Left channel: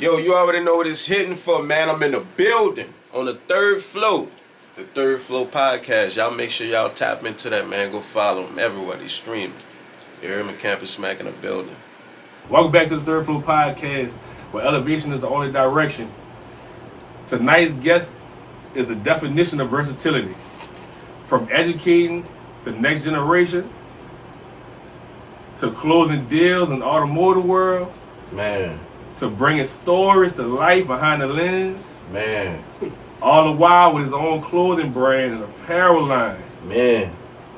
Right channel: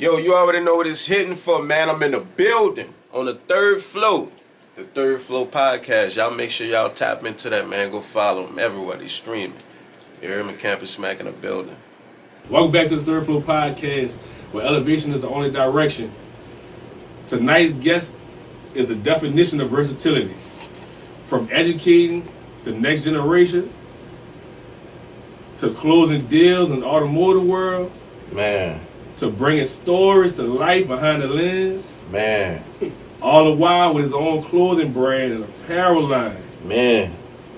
Yo, you already know what it's hitting for, man. I'm in the building on the third floor. The Third Floor Podcast. Y'all make sure y'all tap into that, man. Go follow them everywhere. They streaming. You hear me? Kampus Smakk in the building. Welcome back to the Third Floor Podcast, where elevation is the only direction. Tonight's guest is a definition of versatility. From educating the next generation to closing deals in the automotive world, Man. to bringing stories to life behind the lens, Man. all the while with his own clothing brand and apparel line. Man.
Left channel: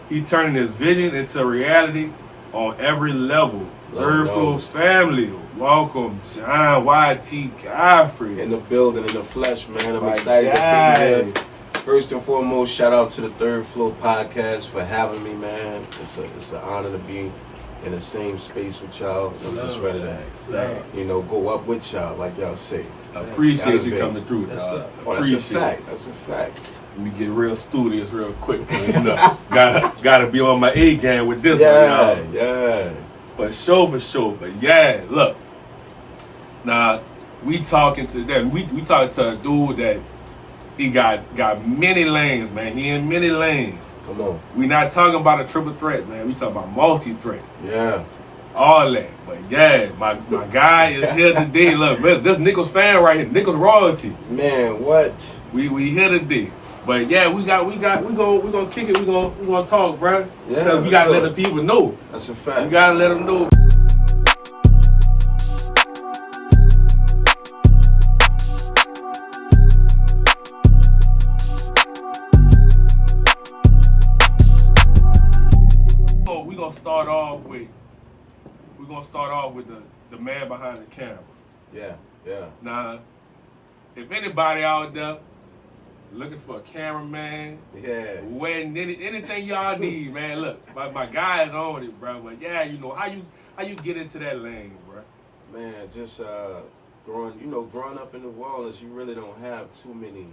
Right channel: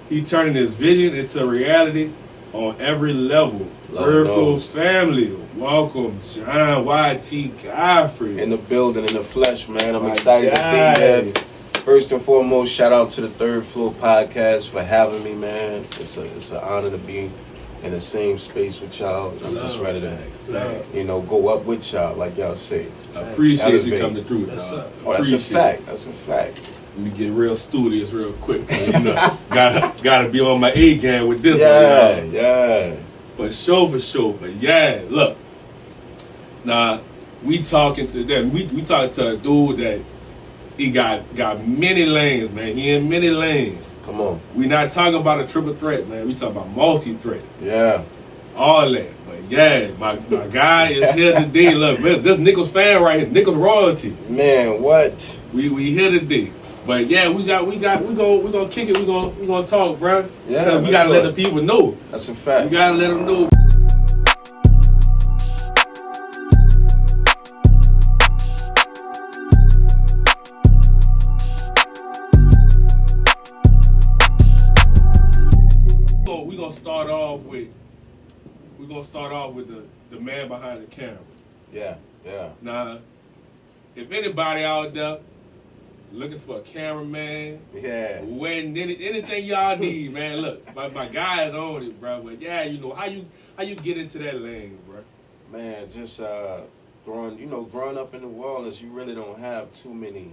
He turning his vision into reality on every level. Third Floor family, welcome John Y.T. Godfrey. In the building, in the flesh, man. I'm My excited guy. to be here. First and foremost, shout out to the Third Floor Podcast for having me, man. It's an honor to be in the same space with y'all. I'm just ready to, Facts. go up with y'all, like y'all say. Appreciate you Elevate. coming through, Yes, dog. Oh, that's a fact. That's a fact. Let me get real studious real quick. Gotta be on my A game with this one, y'all. Yeah. For sure. But yeah, look. Now, we talking to them. We talking to a dude that he got many lanes, man. He in many lanes. Come on. We not talking about a triple threat, man. We talking about multi-threat. Yeah. All that. But yeah, my guy is here today. Look, man, this Nichols fan right here. Nichols royalty. Man, what? We here today. But yeah, we gonna kick it. We gonna talk, bro. Yeah, Cause we gotta let the people know. That's a fact. We gotta let them know. We're gonna start off with the man behind the camera. Yeah. Now, if anybody out there looking for a cameraman, when anything y'all need, man, look, my guy is on it, bro. But yeah, how you get into that lane, bro? Man, just growing up in New Orleans, you really don't have too many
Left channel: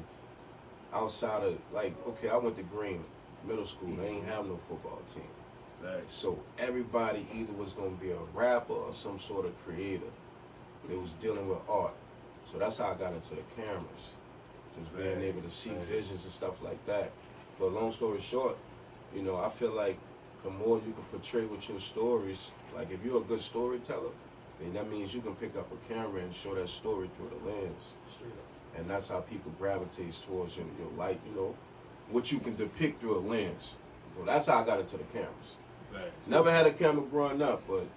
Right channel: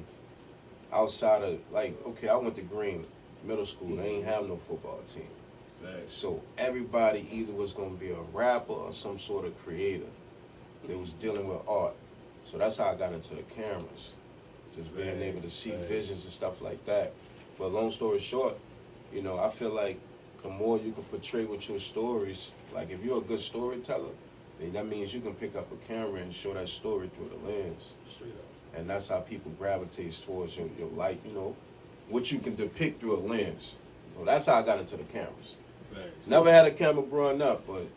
outside of I went to Green Middle School. They ain't have no football team. Right. So everybody either was going to be a rapper or some sort of creator that was dealing with art. So that's how I got into the cameras, just being able to see visions and stuff like that. But long story short, I feel like the more you can portray with your stories, like if you're a good storyteller, then that means you can pick up a camera and show that story through the lens. Straight up. And that's how people gravitate towards your light, what you can depict through a lens. Well, that's how I got into the cameras. Right. Never had a camera growing up, but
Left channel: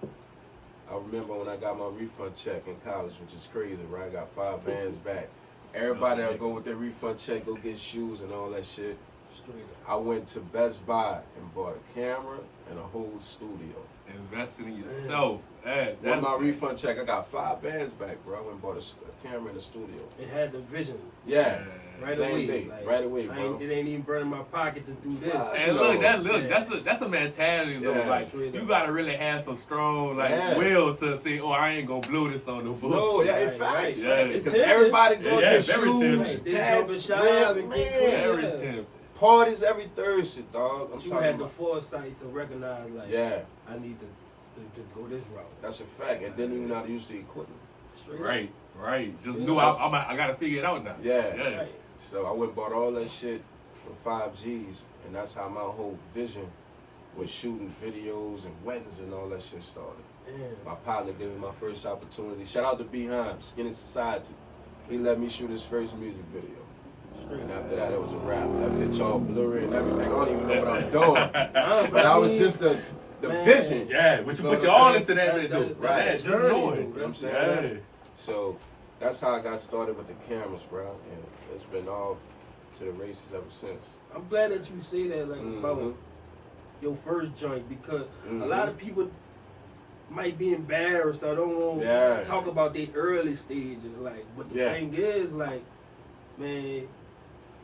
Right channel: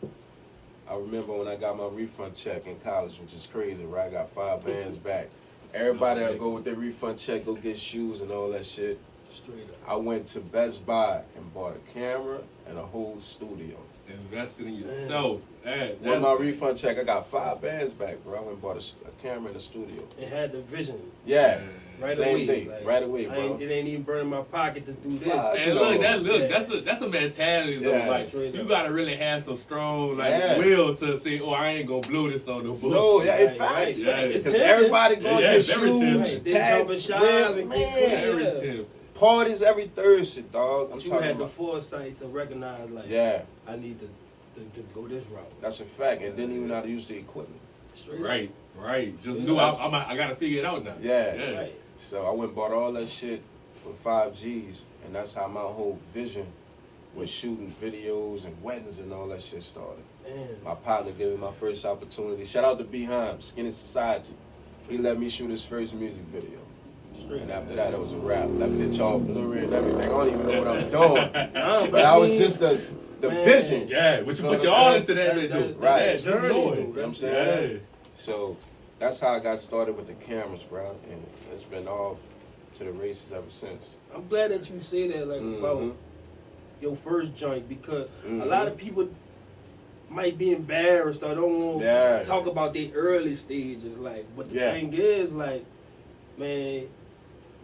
I remember when I got my refund check in college, which is crazy, right? I got 5 bands back. Everybody that'll go with their refund check, go get shoes and all that shit. Straight up. I went to Best Buy and bought a camera and a whole studio. Investing in yourself. With my refund check, I got 5 bands back, bro. I went and bought a camera and a studio. It had the vision. Yeah. Right Same away. day. Right away, bro. It ain't even burning my pocket to do this. And look, that's a mentality though. Yeah. Like you gotta really have some strong Yeah. will to say, I ain't gonna blow this on the books. No, yeah, in Right, fact. right. Yeah. Because everybody going to Yeah, get very shoes, tempting. tats, Shop rib, and man. get clean. Very Yeah. tempting. Parties every Thursday, dog. But you had the foresight to recognize, I need to go this route. That's a fact. And didn't even know how to use the equipment. Straight up. Right. Just knew I gotta figure it out now. Yeah. Right. So I went and bought all that shit with 5 G's, and that's how my whole vision was shooting videos and weddings and all that shit started. Man. My partner gave me my first opportunity. Shout out to Behind, Skinny Society. He let me shoot his first music video. And after that, it was a wrap. That bitch all blurry and everything. I don't even know what I'm doing. But I was just the vision. Yeah, but you put your all into that, dude. Right. Just know it. You know what I'm saying? Yeah. So that's how I got started with the cameras, bro. And it's been off to the races ever since. I'm glad that you say that, about your first joint, because a lot of people might be embarrassed or don't want to talk about their early stages. But the thing is, man,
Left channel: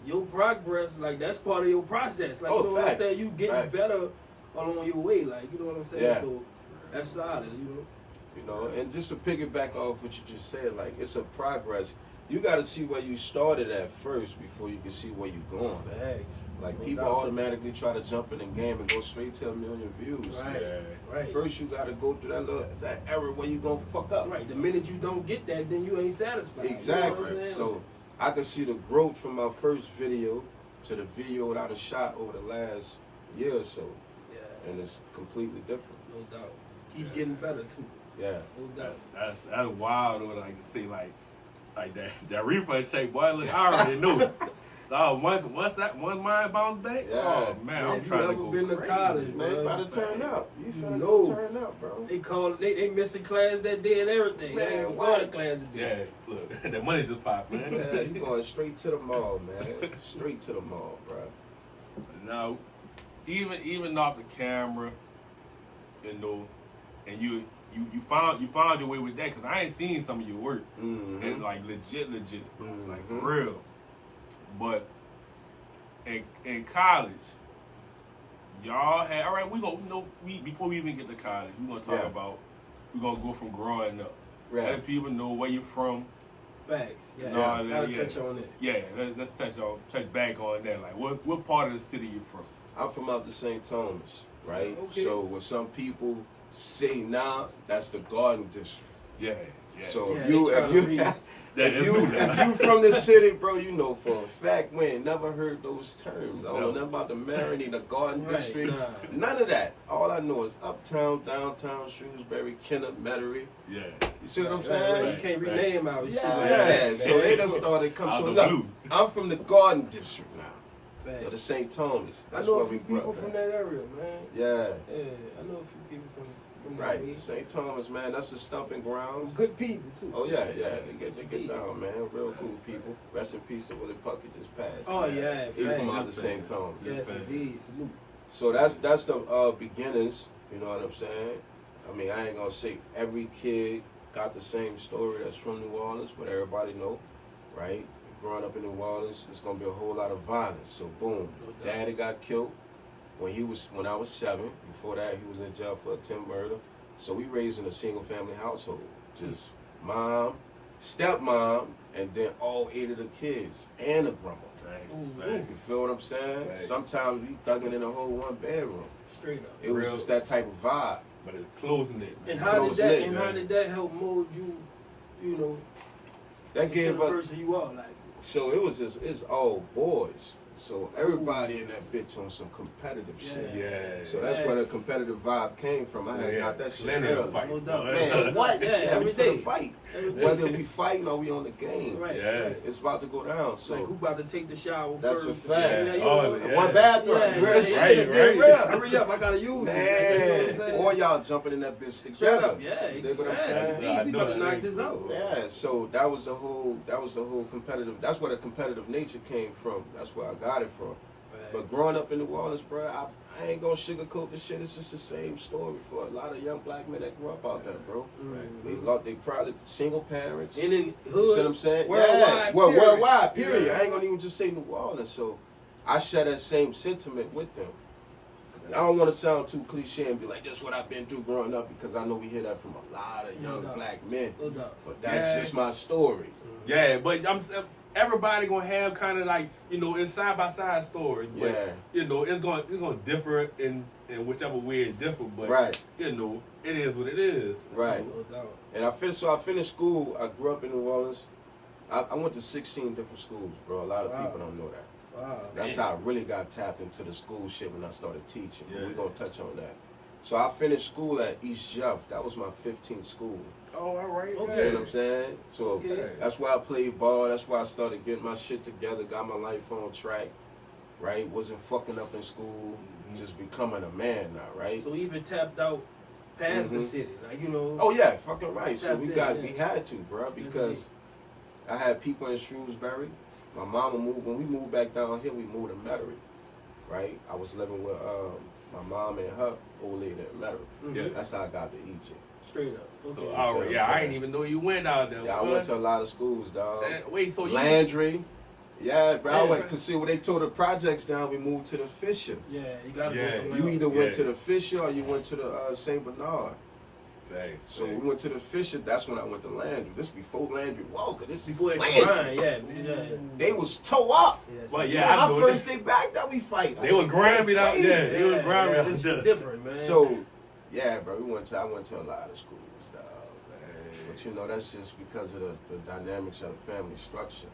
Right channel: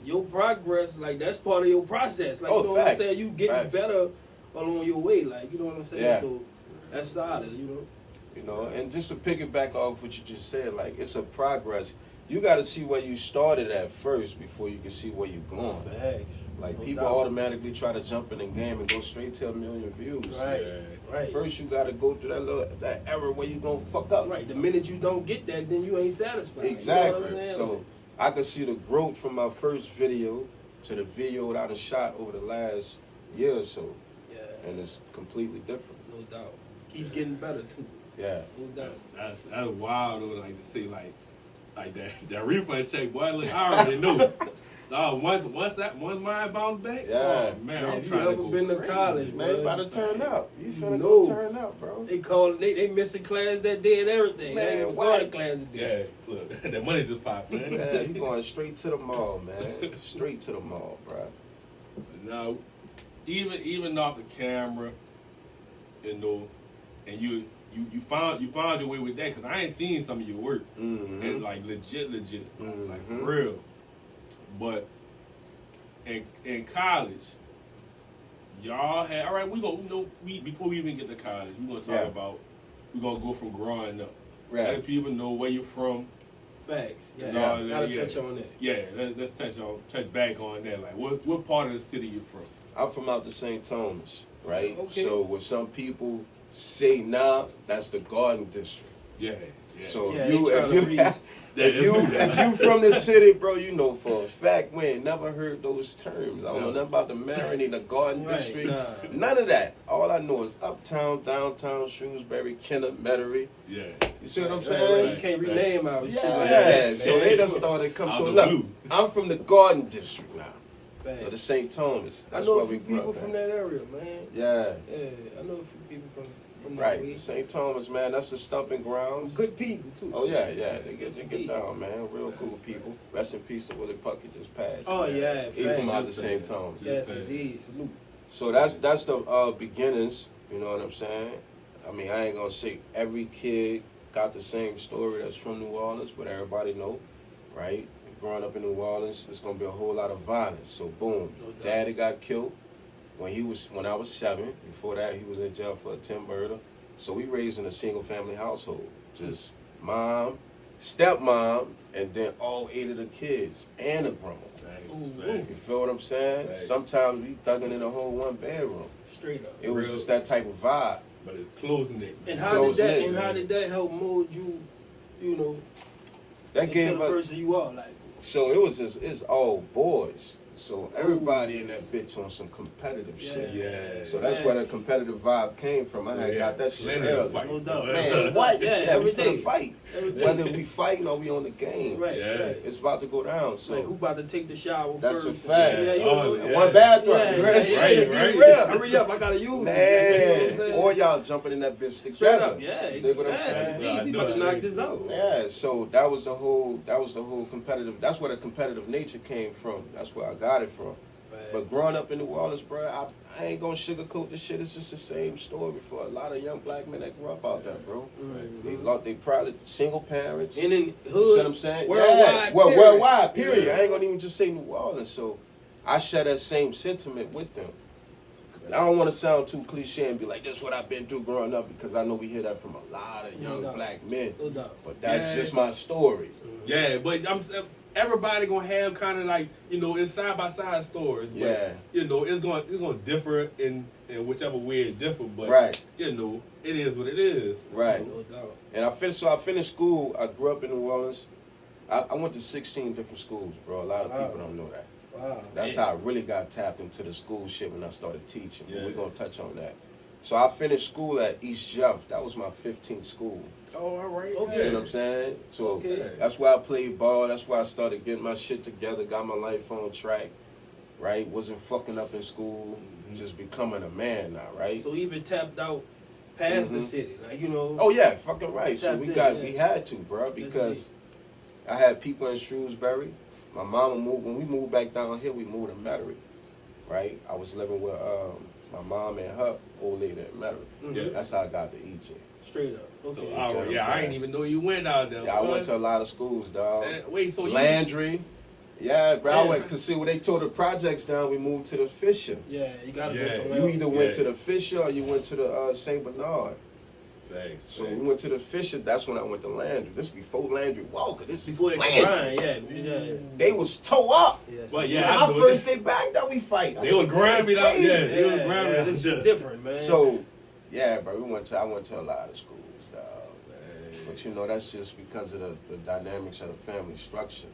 your progress, that's part of your process. You know what I'm saying? You getting better along your way, you know what I'm saying? Yeah. So that's solid, And just to piggyback off what you just said, it's a progress. you got to see where you started at first before you can see where you're going. Facts. Like, No people doubt. automatically try to jump in the game and go straight to 1 million views. Right. Right. First, you got to go through that era where you gonna fuck up. Right. The minute you don't get that, then you ain't satisfied. Exactly. You know what I'm saying? So I could see the growth from my first video to the video that I shot over the last year or so, yeah, and it's completely different. no doubt. Keep getting better too. Yeah. No doubt. That's wild though. Like to see like that refund check, boy. Look, I already knew. Once mine bounced back, Yeah. oh man, I'm trying to you go ever been to crazy, college, Man, man? about to turn up. You finna know. go turn up, bro. They called. They missing class that day and everything. Man, They ain't what? going to class today. Yeah, look, that money just popped, man. Yeah, you going straight to the mall, man. Straight to the mall, bro. Now, even off the camera, you know, and you found your way with that because I ain't seen some of your work Mm-hmm. and like legit, like for Mhm. real. But in college, y'all had all right. Before we even get to college, we gonna talk about we gonna go from growing up. Right. Let people know where you from. Facts. Yeah. No, Gotta yeah. touch on that. Yeah, let's touch back on that. Like, what part of the city you from? I'm from out the St. Thomas, right? Okay. So when some people say nah, that's the Garden District. Yeah. So Yeah, if they you tryna if you from the city, bro, you know for a fact we ain't never heard those terms. I don't know No. nothing about the Marigny, the Garden Right, District. nah. None of that. All I know is uptown, downtown, Shrewsbury, Kennet, Metairie. Yeah. You see what I'm Right, saying? right. You can't rename our shit Yeah, like that. so they done started coming. Out So the look, blue. I'm from the Garden District now, Facts. or the St. Thomas. I That's know where a few we grew people up from at. that area, man. Yeah, Yeah, I know a few people from that right. way. St. Thomas, man, that's the stomping grounds. Good people too. Oh yeah, they get down, man. Real cool people. Rest in peace to Willie Puckett just passed. Oh man. yeah, He from facts. out the St. Thomas. Yes, Facts. indeed. Salute. So that's the beginnings. You know what I'm saying? I mean, I ain't gonna say every kid got the same story that's from New Orleans, but everybody know, right? Growing up in New Orleans, it's gonna be a whole lot of violence. So boom, No doubt. Daddy got killed when I was 7. Before that, he was in jail for attempted murder. So we raised in a single family household, just mom, stepmom, and then all 8 of the kids and a grandma. You feel what I'm saying? Facts. Sometimes we thugging in a whole 1 bedroom. Straight up. It was Real. just that type of vibe. But it's closing it. And man. how did Close that? knit, And how man. did that help mold you? You know, That into gave the us. person you are. Like, So it was just it's all boys. So everybody in that bitch on some competitive shit. Yeah. So that's where the competitive vibe came from. I had got that shit Plenty of early. fights, No doubt. boy. Man, what? Yeah, we every finna day. fight. Every day. Whether we fighting or we on the game. right, Yeah. right. It's about to go down. So Like who about to take the shower That's first? a fact. Yeah, you Oh, know, yeah. one bathroom. Yeah, Real yeah, shit, right, get right. real. Hurry up, I gotta use it. You know what I'm Man, saying? or y'all jumping in that bitch Straight together. up, yeah. You dig what I'm Yeah, saying? Yeah, I we know about to that knock ain't this out. cool. Yeah, so that was the whole competitive. That's where the competitive nature came from. That's where I got it from. But growing up in New Orleans, bro, I ain't gonna sugarcoat this shit. It's just the same story for a lot of young black men that grew up out there, bro. They probably single parents. And in You see hoods, what I'm saying? worldwide, Well, period. worldwide, period. Yeah. I ain't gonna even just say New Orleans. So I share that same sentiment with them. I don't want to sound too cliche and be like, "This is what I've been through growing up," because I know we hear that from a lot of young doubt. black men. No doubt. But that's Yeah. just my story. Yeah, but everybody gonna have kind of like, you know, it's side by side stories. But, Yeah. you know, it's gonna differ in whichever way it differ. But Right. you know, it is what it is. Right. No doubt. And I finished school. I grew up in New Orleans. I went to 16 different schools, bro. A lot of Wow. people don't know that. Wow. That's how I really got tapped into the school shit when I started teaching. Yeah. We're going to touch on that. So I finished school at East Jeff. That was my 15th school. Oh, all right. Okay. You know what I'm saying? So Okay. that's why I played ball. That's why I started getting my shit together, got my life on track, right? Wasn't fucking up in school, just becoming a man now, right? So even tapped out past the Mhm. city, like, you know. Oh yeah, fucking right. So Tapped we in, got yeah. we had to, bro, because I had people in Shrewsbury. My mama moved when we moved back down here. We moved to Metairie, right? I was living with my mom and her old lady in Metairie. Mhm. Yeah. That's how I got to EJ. Straight up. Okay. So all right, yeah, I ain't even know you went out there. Yeah, I boy. went to a lot of schools, dog. Wait, so you? Landry. Yeah, bro. I Yeah. went because see when they tore the projects down, we moved to the Fisher. Yeah, you gotta Yeah. go somewhere You else. either went Yeah. to the Fisher or you went to the St. Bernard. So we went to the Fisher. That's when I went to Landry. This before Landry Walker. This before Landry. Yeah. They was toe up. Well, I know first they backed up, we fight. They were grinding up. Yeah, they were grinding. This is different, man. So, yeah, bro, I went to a lot of schools, dog. But you know, that's just because of the dynamics of the family structure.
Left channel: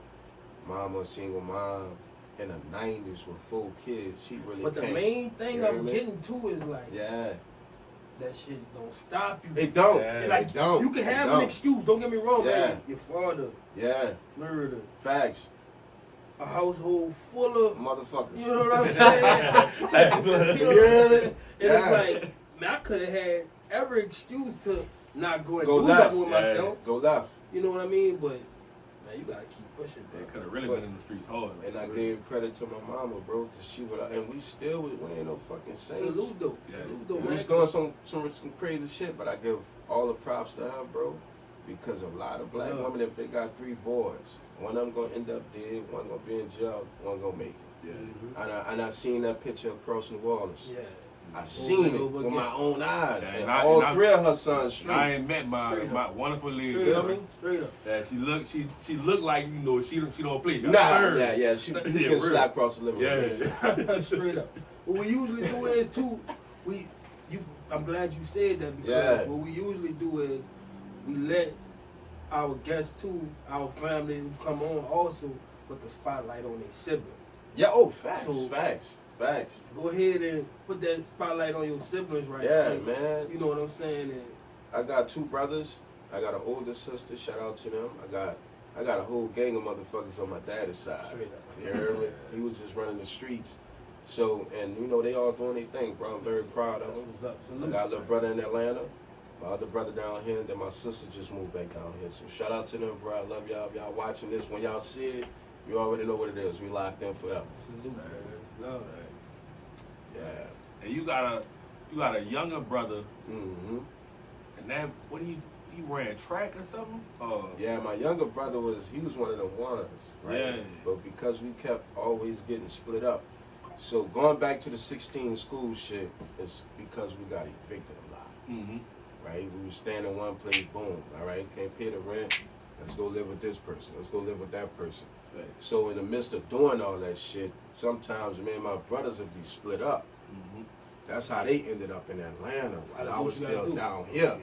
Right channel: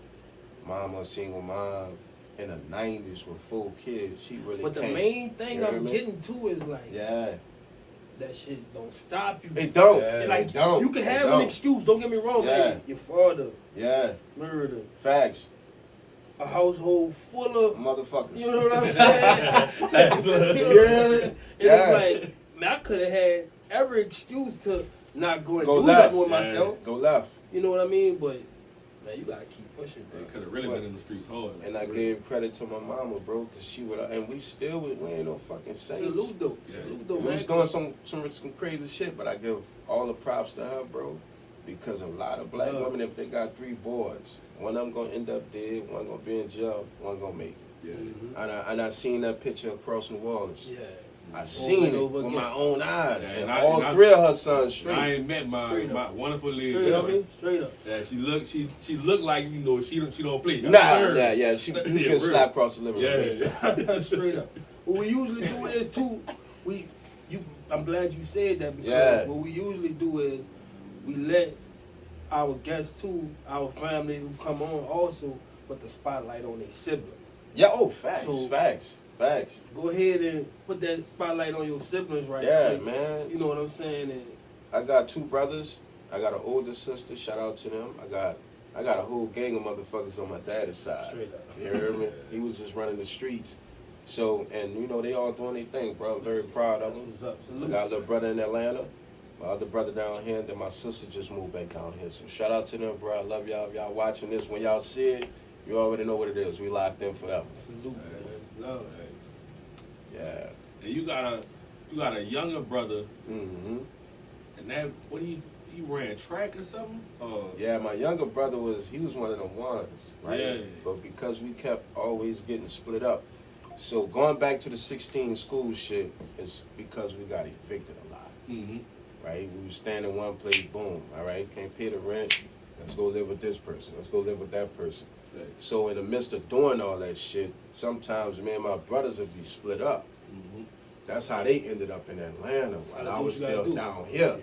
Mom was single mom in the 90s with 4 kids. She really. But the main thing I'm getting to is like, that shit don't stop you. It don't. Like, it don't. You can have an excuse. Don't get me wrong, man. Your father. Yeah. Murder. Facts. A household full of motherfuckers. You know what I'm saying? You know? And it's like, man, I could have had every excuse to not go and do nothing with myself. Go left. You know what I mean? But man, you gotta keep pushing. Bro. They could have really been in the streets hard. Like, and I gave credit to my mama, bro, because she would. And we still we ain't no fucking saints. Salute though. Salute though, man. We was doing some crazy shit, but I give all the props to her, bro, because a lot of black women, if they got 3 boys, one of them gonna end up dead, one gonna be in jail, one gonna make it. Yeah. And I seen that picture across New Orleans. Yeah. I seen it with my own eyes. Yeah, and all 3 of her sons straight. I ain't met my wonderful lady. Straight up. Yeah, she looked like, you know, she don't play. Yeah. She can slap across the living room. Yeah. Straight up. What we usually do is too, I'm glad you said that, because what we usually do is we let our guests too, our family who come on also put the spotlight on their siblings. Yeah, facts, so, facts. Go ahead and put that spotlight on your siblings quick. Man. You know what I'm saying? And I got 2 brothers. I got an older sister. Shout out to them. I got a whole gang of motherfuckers on my dad's side. Straight up. You heard me? He was just running the streets. So, and you know, they all doing their thing, bro. I'm very proud of them. What's up. Salute. I got a little brother in Atlanta. My other brother down here, and then my sister just moved back down here. So shout out to them, bro. I love y'all. If y'all watching this, when y'all see it, you already know what it is. We locked in forever. Salute, man. Love. Yeah. And you got a younger brother. Mm-hmm. And that, he ran track or something? Yeah, my younger brother was one of the ones, right? Yeah. But because we kept always getting split up, so going back to the 16 school shit is because we got evicted a lot. Mm-hmm. Right? We were staying in one place, boom, all right, can't pay the rent, let's go live with this person, let's go live with that person. Right. So in the midst of doing all that shit, sometimes me and my brothers would be split up. Mm-hmm. That's how they ended up in Atlanta while I was still down here.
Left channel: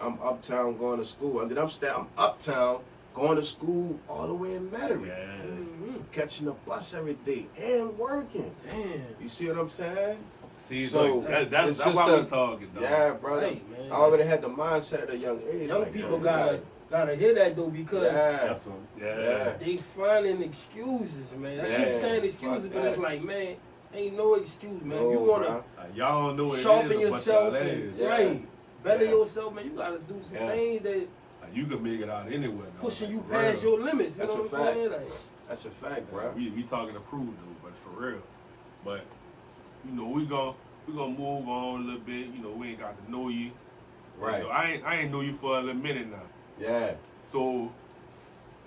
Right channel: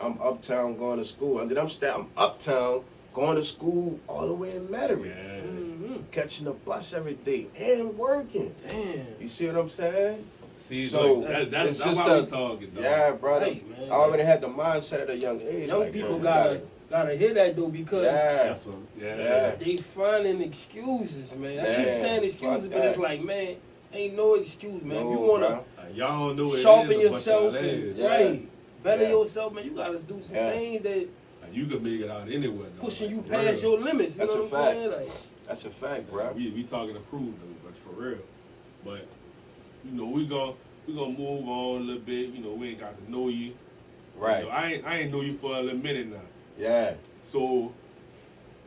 I'm uptown going to school, and then I'm uptown going to school all the way in Metairie. Yeah. Mm-hmm. Catching the bus every day and working. Damn. You see what I'm saying? See, so like, that's why we talking, though. Yeah, brother. Right, man. I already had the mindset at a young age. Young like, people gotta hear that though, because that's what, they finding excuses, man. I keep saying excuses, but it's like, man, ain't no excuse, man. No, you wanna y'all don't know what sharpen it is, yourself, and, right? Better yourself, man. You gotta do some things that you can make it out anywhere. Pushing you past your limits. You That's know a what I'm saying? Like, that's a fact, bro. We talking to prove though, but for real. But you know, we gonna move on a little bit. You know, we ain't got to know you. Right. You know, I ain't know you for a little minute now. Yeah. So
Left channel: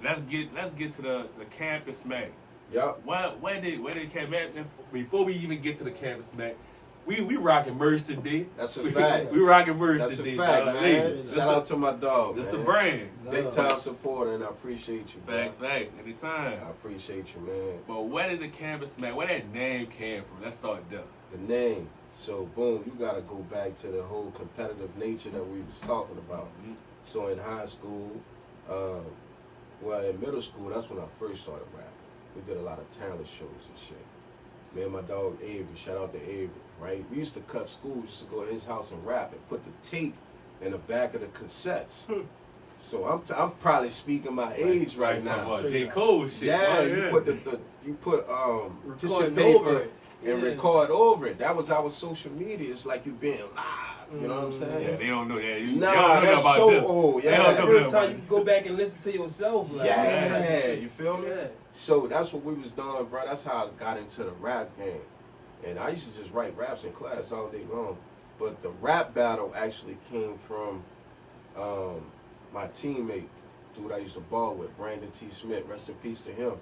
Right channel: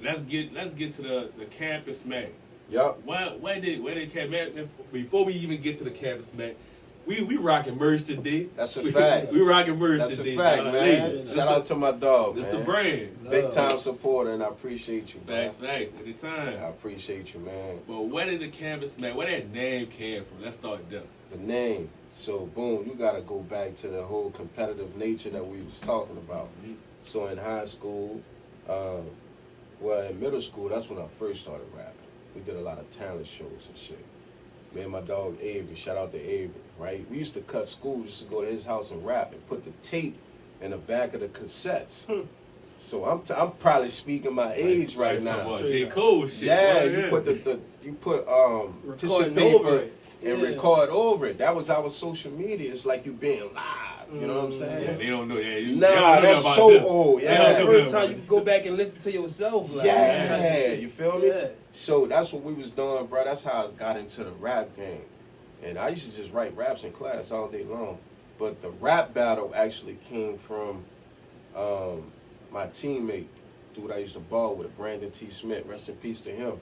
let's get to the Kampus Smakk. Yup. Where did Kampus, before we even get to the Kampus Smakk, we rocking merch today. That's a fact. We rocking merch That's today. That's a fact, man. Shout out to my dog, That's man. the brand. Big time supporter, and I appreciate you, Facts. Anytime. I appreciate you, man. But where did the Kampus Smakk, where that name came from? Let's start there. The name. So, boom, you got to go back to the whole competitive nature that we was talking about. Mm-hmm. So, in high school, in middle school, that's when I first started rapping. We did a lot of talent shows and shit. Me and my dog Avery, shout out to Avery, right? We used to cut school just to go to his house and rap and put the tape in the back of the cassettes. So I'm probably speaking my age right now. J. Cole shit. Yeah, you put you put tissue paper over it. and record over it. That was our social media. It's like you being live. You know what I'm saying? Yeah, they don't know. Yeah, that's so this. old. Yeah, that's the first time you can go back and listen to yourself. Like, you feel me? Yeah. So that's what we was doing, bro. That's how I got into the rap game. And I used to just write raps in class all day long. But the rap battle actually came from my teammate, dude I used to ball with, Brandon T. Smith. Rest in peace to him.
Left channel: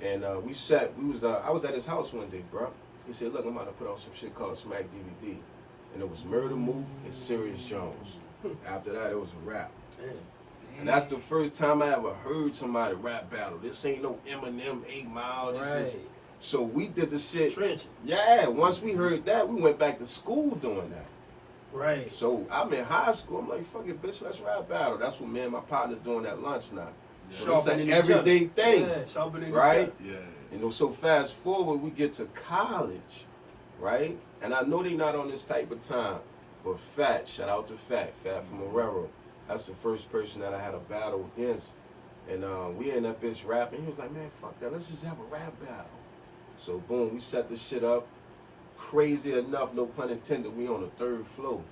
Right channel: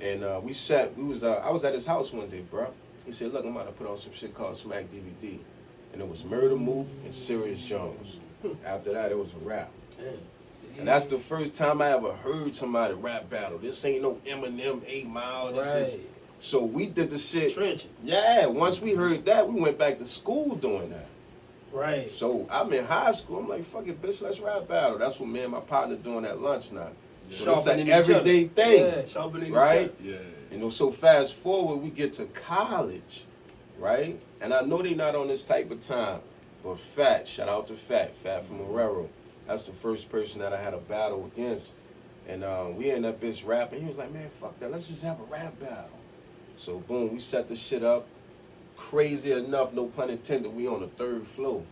And I was at his house one day, bro. He said, look, I'm about to put on some shit called Smack DVD. And it was Murder Mook and Serious Jones. After that, it was a rap. Damn. And that's the first time I ever heard somebody rap battle. This ain't no Eminem 8 Mile. This is, so we did the shit. Trenching. Yeah, once we heard that, we went back to school doing that. Right. So I'm in high school. I'm like, fuck it, bitch, let's rap battle. That's what me and my partner doing at lunch now. Yeah. So it's an everyday thing. Yeah, sharpening right? each other. Yeah. You know, so fast forward, we get to college, right? And I know they not on this type of time, but Fat, shout out to Fat from Marrero. That's the first person that I had a battle against. And we in that bitch rapping. He was like, man, fuck that. Let's just have a rap battle. So boom, we set the shit up. Crazy enough, no pun intended, we on the 3rd floor.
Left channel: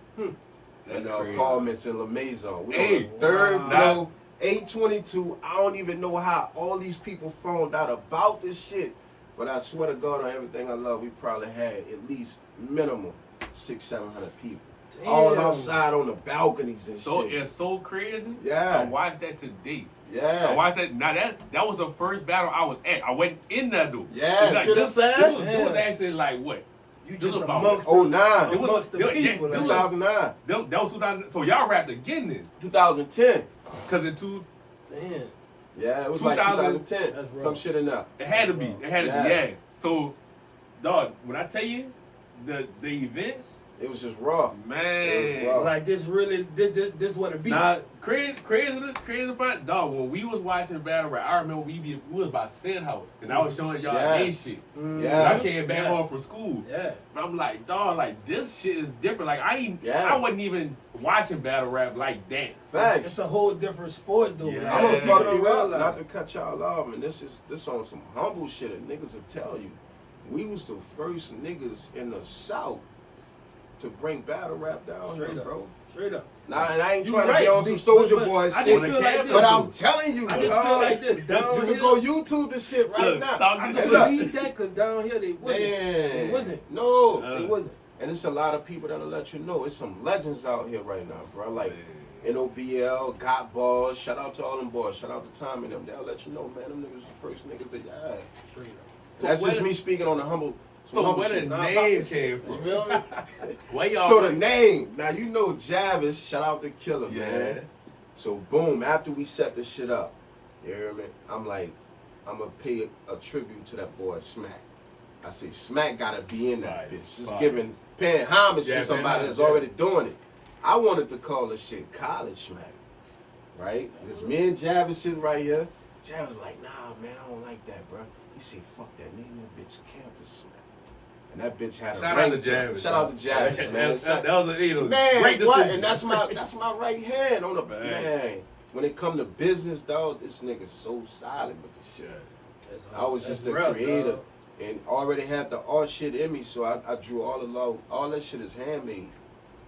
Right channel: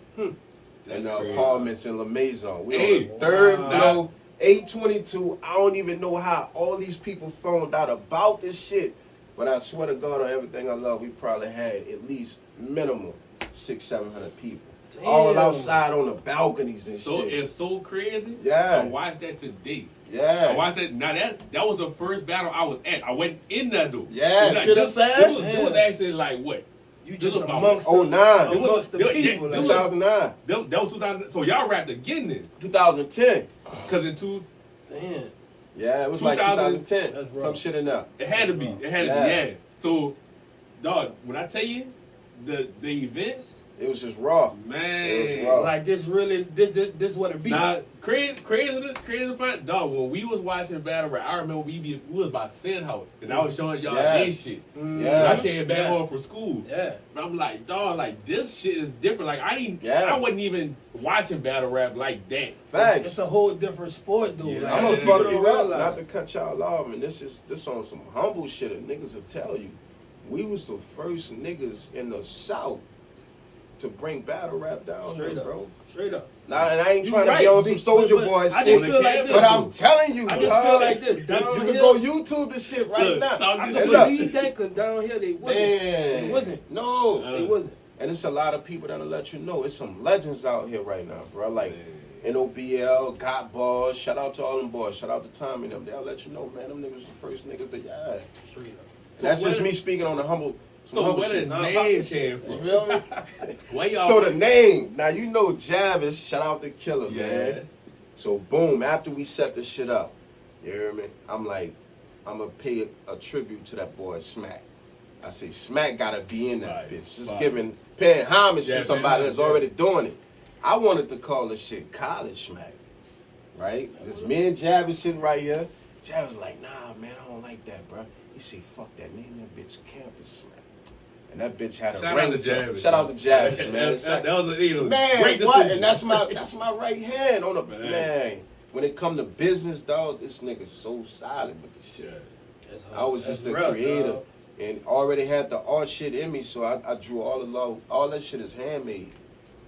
That's in crazy. apartments in La Maison. We Hey, on the 3rd floor, 822. I don't even know how all these people found out about this shit. But I swear to God, on everything I love, we probably had at least minimum 600-700 people. Damn. All outside on the balconies and shit. It's so crazy. Yeah. I watched that today. Yeah. I watched that. Now that was the first battle I was at. I went in there though. Yeah, Like, see what I'm saying? It was actually like what? You This just was about amongst Oh, 09. amongst the people. Yeah, like, 2009. That was 2000. So y'all rapped again then? 2010. Cause in damn. Yeah, it was 2000 like That's 2010. rough. Some shit in there. it had to be. It had to Yeah. be. Yeah. So, dog, when I tell you the events, It was just raw. man. It was raw. Like this really this what it be. Nah, crazy fun. Dog, when we was watching battle rap, I remember we was by Sin House, and I was showing y'all Yeah. they shit. Yeah. And I came back Yeah. home from school. Yeah. But I'm like, dog, like this shit is different. Like Yeah. I wasn't even watching battle rap like that. Facts. It's a whole different sport though. Yeah. Like, I'm gonna people fuck don't you up, realize. not to cut y'all off, and this on some humble shit that niggas will tell you. We was the first niggas in the South to bring battle rap down Straight here, up. bro. Straight up. Nah, and I ain't You trying to right, be on some but- Soldier but Boy I shit, just feel like this. but I'm telling you, I just feel dog, like this. Down you can here, go YouTube this shit right Look, now. talk I this can shit. look. believe that because down here they wasn't. They Man, wasn't. no, They wasn't. and it's a lot of people that'll let you know. It's some legends out here right now, bro. Like NOBL, Got Balls. Shout out to all them boys. Shout out to Tommy and them. They'll let you know, man. Them niggas the first niggas that yeah. Straight up. So That's just where me speaking on the humble. So humble where the shit. Nah, name about this came You from? feel me? Where y'all? So the name, now you know Javis, shout out to Killer, Yeah. man. So boom, after we set the shit up, you hear me? I'm like, I'm gonna pay a tribute to that boy Smakk. I say Smakk gotta be in that Right, bitch. Just right. paying homage Yeah, to somebody paying that's homage, already doing it. I wanted to call this shit College Smakk, right? Because me and Javis sitting right here. Javis like, nah, man, I don't like that, bro. He said, fuck that, name that bitch Campus Smakk. And that bitch had a Shout out to ring Javis. Shout out to Javis, man. That was a Man, great what? decision. And that's my right hand on the man. When it come to business, dog, this nigga's so solid with the shit. That's I was that's just a real, creator dog. and already had the art shit in me, so I drew all along. All that shit is handmade.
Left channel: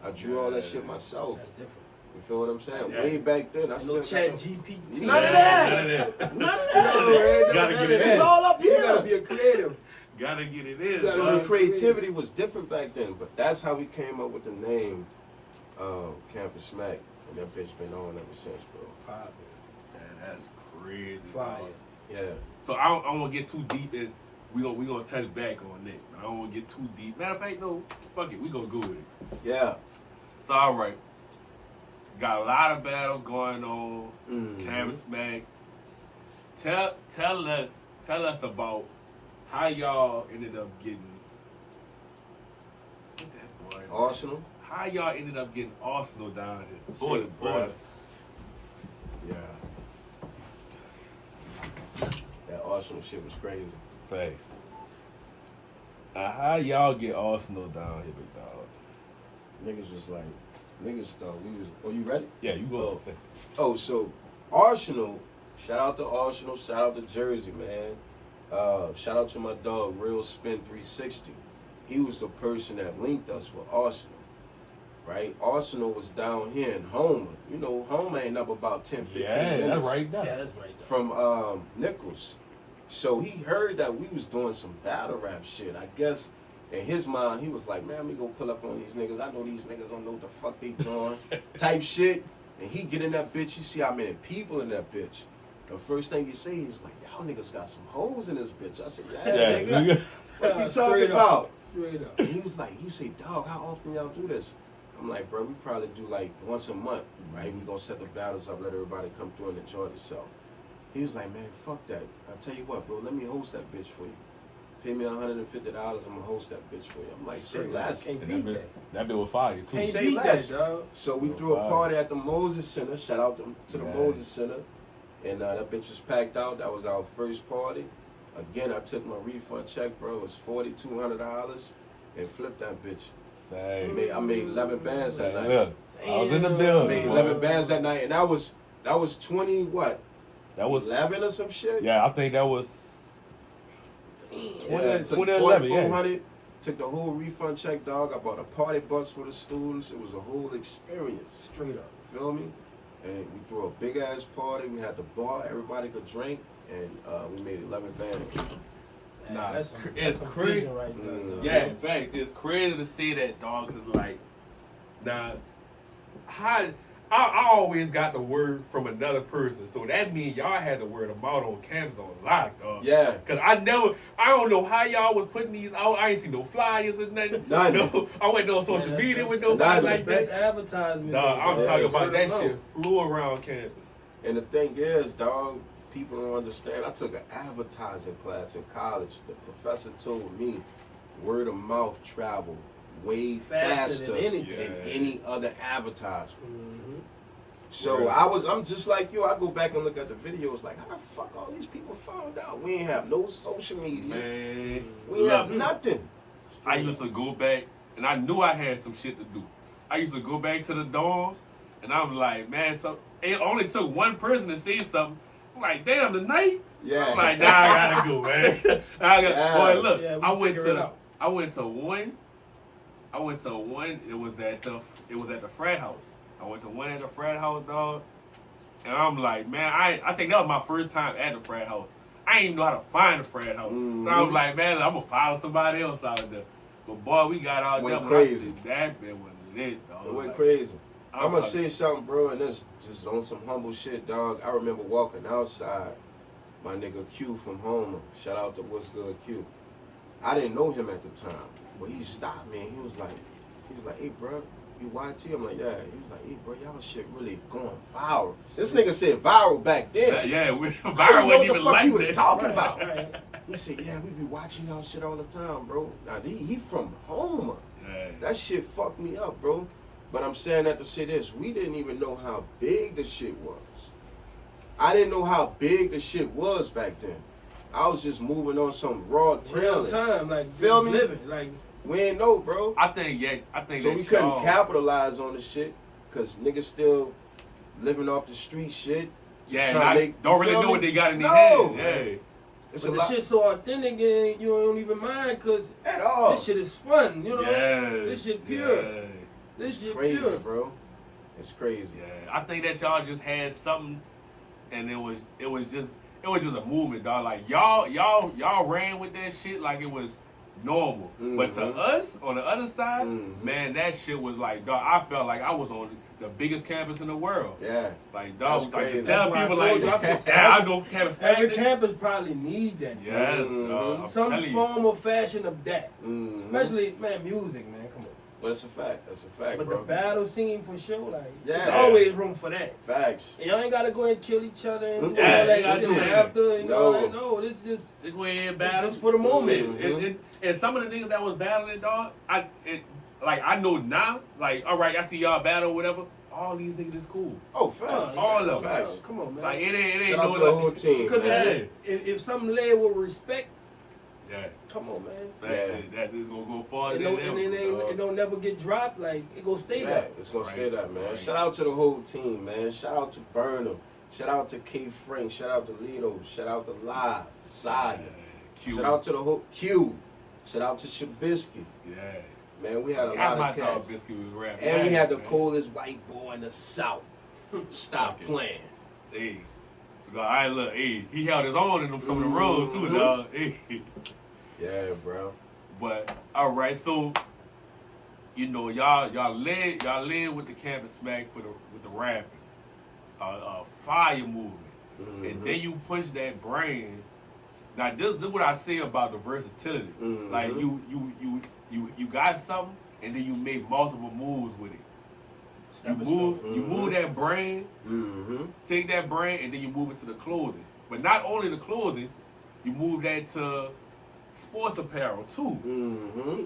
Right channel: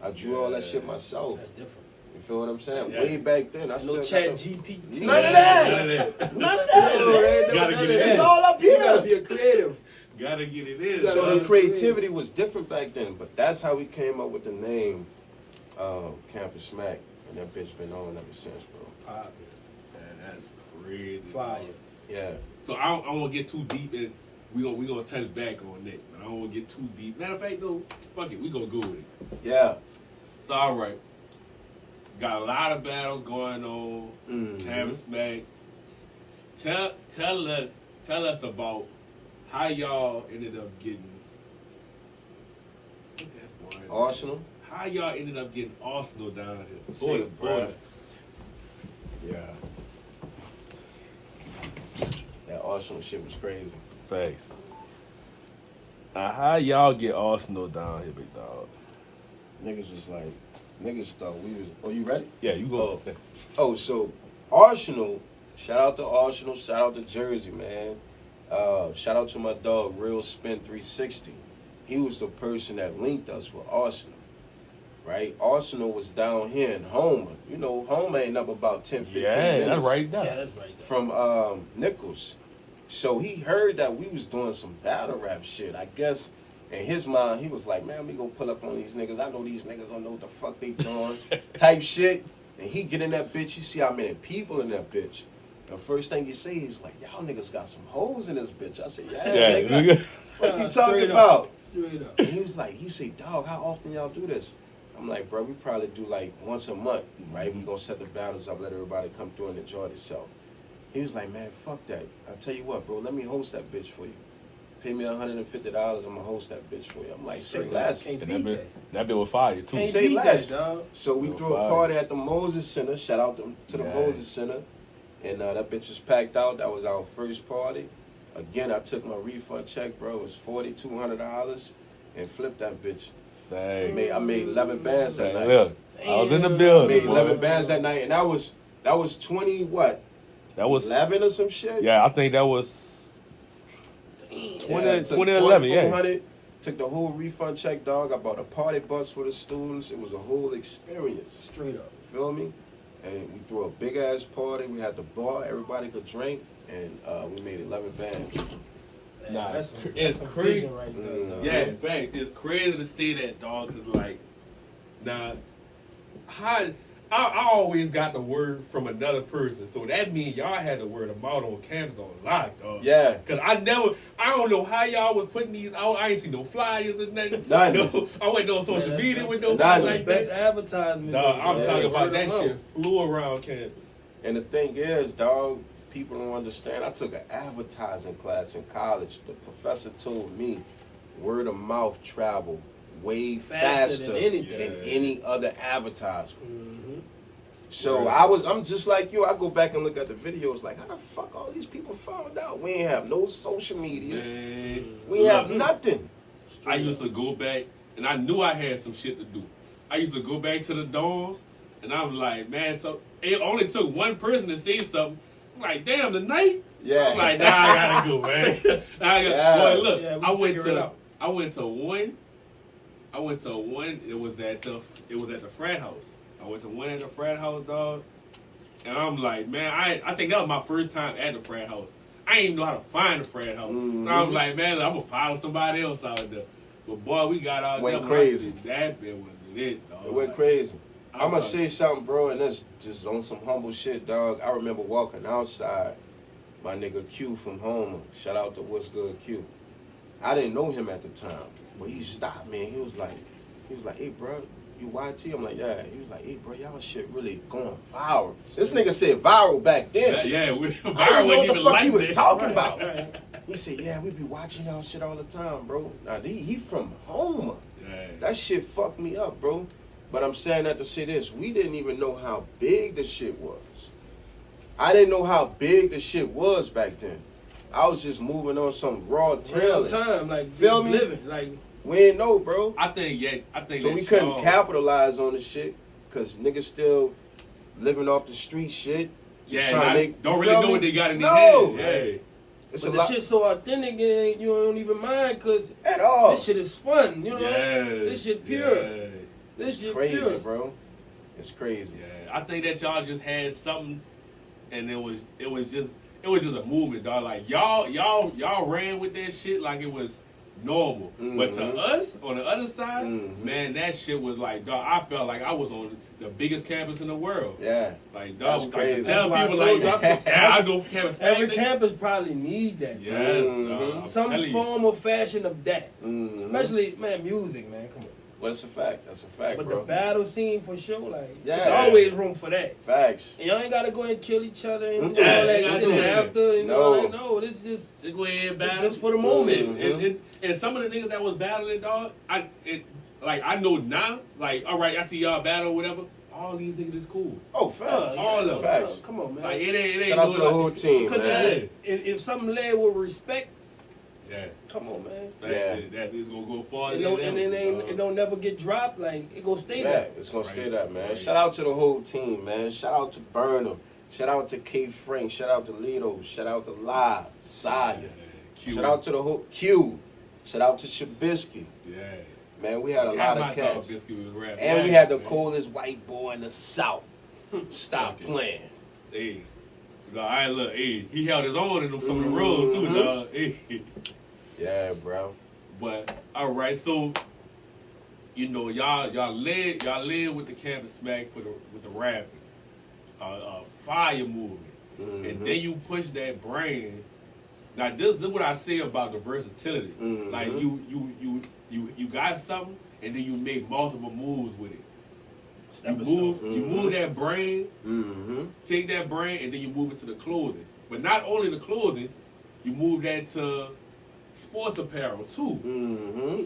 I drew all that shit myself. That's different. You feel what I'm saying? Yeah. Way back then, I No still got chat the- GPT. None of that. None of that. None of that. You gotta get it It's in. all up You gotta here. be a creative. Gotta get it in. gotta So son. the creativity was different back then, but that's how we came up with the name Kampus Smakk, and that bitch been on ever since, bro. Poppin'. Man, that's crazy. Fire. Yeah. So I don't want to get too deep in. We gonna touch back on that. I don't want to get too deep. Matter of fact, no. Fuck it. We gonna go with it. Yeah. So all right. Got a lot of battles going on. Mhm. Kampus Smakk. Tell us about how y'all ended up getting. What that boy? Arsenal. How y'all ended up getting Arsenal down here? See, Border. bruh. Yeah. That Arsenal shit was crazy. Facts. Now, how y'all get Arsenal down here, big dog? Niggas was like, niggas thought we was. Oh, you ready? Yeah, you go. Oh, so Arsenal. Shout out to Arsenal. Shout out to Jersey, man. Shout out to my dog, Real Spin 360. He was the person that linked us with Arsenal. Right? Arsenal was down here in Homer. You know, Homer ain't up about 10, 15 minutes. that's right there. Yeah, that's right. From Nichols. So he heard that we was doing some battle rap shit. I guess in his mind, he was like, man, let me go pull up on these niggas. I know these niggas don't know what the fuck they doing. Type shit. And he get in that bitch. You see how many people in that bitch. The first thing you see, he's like, y'all niggas got some hoes in this bitch. I said, yeah, nigga. What you talking Straight up. about? Straight up. And he was like, he said, dog, how often y'all do this? I'm like, bro, we probably do like once a month, right? We gonna set the battles up, let everybody come through and enjoy themselves. He was like, man, fuck that. I tell you what, bro, let me host that bitch for you. Pay me $150, I'm gonna host that bitch for you. I'm like, say less. Can't beat that. That bit was fire too. Can't Say beat less. that, dog. So we threw a party at the Moses Center. Shout out to the Yeah. Moses Center. And that bitch was packed out. That was our first party. Again, I took my refund check, bro. It was $4,200 and flipped that bitch. I made 11 bands that night. Look, I was in the building. I made 11 bands that night, and that was 20 what? That was 11 or some shit. Yeah, I think that was. Yeah, 2011, yeah. 4,400. Took the whole refund check, dog. I bought a party bus for the students. It was a whole experience. Straight up. You feel me? And we threw a big ass party. We had the bar. Everybody could drink, and we made 11 bands. Nah, That's it's some crazy. vision right there, dog. Yeah, in fact, it's crazy to see that, dog. Cause like, now, I always got the word from another person, so that means y'all had the word of mouth on campus on lock, dog. Yeah. Cause I don't know how y'all was putting these out. I ain't see no flyers or nothing. None. No, I went on social Man, media with no None. stuff The like best that. advertisement. Dog, I'm Yeah, talking about word that of shit mouth. flew around campus. And the thing is, dog, people don't understand. I took an advertising class in college. The professor told me word of mouth travel way faster than anything. than any other advertisement. Mm-hmm. So Word. I'm just like you. I go back and look at the videos like, how the fuck all these people found out? We ain't have no social media. Man, We ain't have look, nothing. I used to go back, and I knew I had some shit to do. I used to go back to the dorms, and I'm like, man, so it only took one person to say something. I'm like, damn, tonight? Yeah. I'm like, nah, I gotta go, man. Yeah. Boy, look, Yeah, we I went figure it to out. one. It was at the frat house. I went to one at the frat house, dog. And I'm like, man, I think that was my first time at the frat house. I didn't even know how to find the frat house. Mhm. So I'm like, man, I'm gonna follow somebody else out there. But boy, we got out Went there. crazy. When I said, that bit was lit, dog. It went Like, crazy. I'm I'm gonna talking- say something, bro, and that's just on some humble shit, dog. I remember walking outside, my nigga Q from Homer. Shout out to What's Good Q. I didn't know him at the time, but he stopped me and he was like, hey, bro, you YT? I'm like, yeah. He was like, hey, bro, y'all shit really going viral. This nigga said viral back then. Yeah, I didn't Byron know wasn't what even the fuck like he was that. talking Right, about. right. He said, yeah, we be watching y'all shit all the time, bro. Now, he from Homer. Yeah. That shit fucked me up, bro. But I'm saying that to say this, we didn't even know how big the shit was. I didn't know how big the shit was back then. I was just moving on some raw Real trailing. time, like Feel just me? living, like We didn't know, bro. I think So that we couldn't y'all- capitalize on the shit because niggas still living off the street shit. just Yeah, trying to not, make- don't you really feel know me? what they got in their No. hands. Yeah. It's but a the lot shit's so authentic and you don't even mind because at all. this shit is fun, you know. Yeah. This shit pure. Yeah. This It's shit crazy, pure. bro. It's crazy. Yeah, I think that y'all just had something, and it was just a movement, dog. Like y'all ran with that shit like it was normal. But to Mhm. us on the other side, Mhm. man, that shit was like, dog. I felt like I was on the biggest campus in the world. Yeah. Like, That's dog, like to crazy. tell That's why I people told like, you, I feel- yeah, I know Campus Smakk. Every campus probably need that. Yes, Mhm. I'm Some telling you. form or fashion of that. Mhm. Especially, man, music, man. Come on. Well, that's a fact. That's a fact, But bro. the battle scene for sure, like, there's Yeah. always room for that. Facts. And y'all ain't gotta go and kill each other and Yeah, all that ain't gotta shit do that. after. And No. all that. No, this just Just go ahead and This battle. is for the moment. And some of the niggas that was battling, dog, I know now, like, all right, I see y'all battle or whatever. All these niggas is cool. Oh, facts. All of them. Facts. Come on, man. Like, it ain't Shout out no to the whole team, Because man. if something led with respect, Yeah. come on, man. That is gonna go farther It than don't, ever. and it dog. don't never get dropped. Like it go stay Yeah, there. it's gonna Right. stay that, man. Right. Shout out to the whole team, man. Shout out to Burnham. Shout out to K Frank. Shout out to Lito. Shout out to Live, Saya. Q. Shout out to the whole Q. Shout out to Shabisky. Yeah. Man, we had a God, lot my of dog cats. Biscuit was rapping. And we had the man. coolest white boy in the South. Stop Okay. playing. Hey. So, all right, look, hey, he held his own in some of the roads too, Mhm. dog. Hey. Yeah, bro. But all right, so you know, y'all led with the Kampus Smakk with the rapping, fire movement, and then you push that brand. Now this is what I say about the versatility. Mhm. Like you got something, and then you make multiple moves with it. You move that brain, take that brain, and then you move it to the clothing. But not only the clothing, you move that to sports apparel too,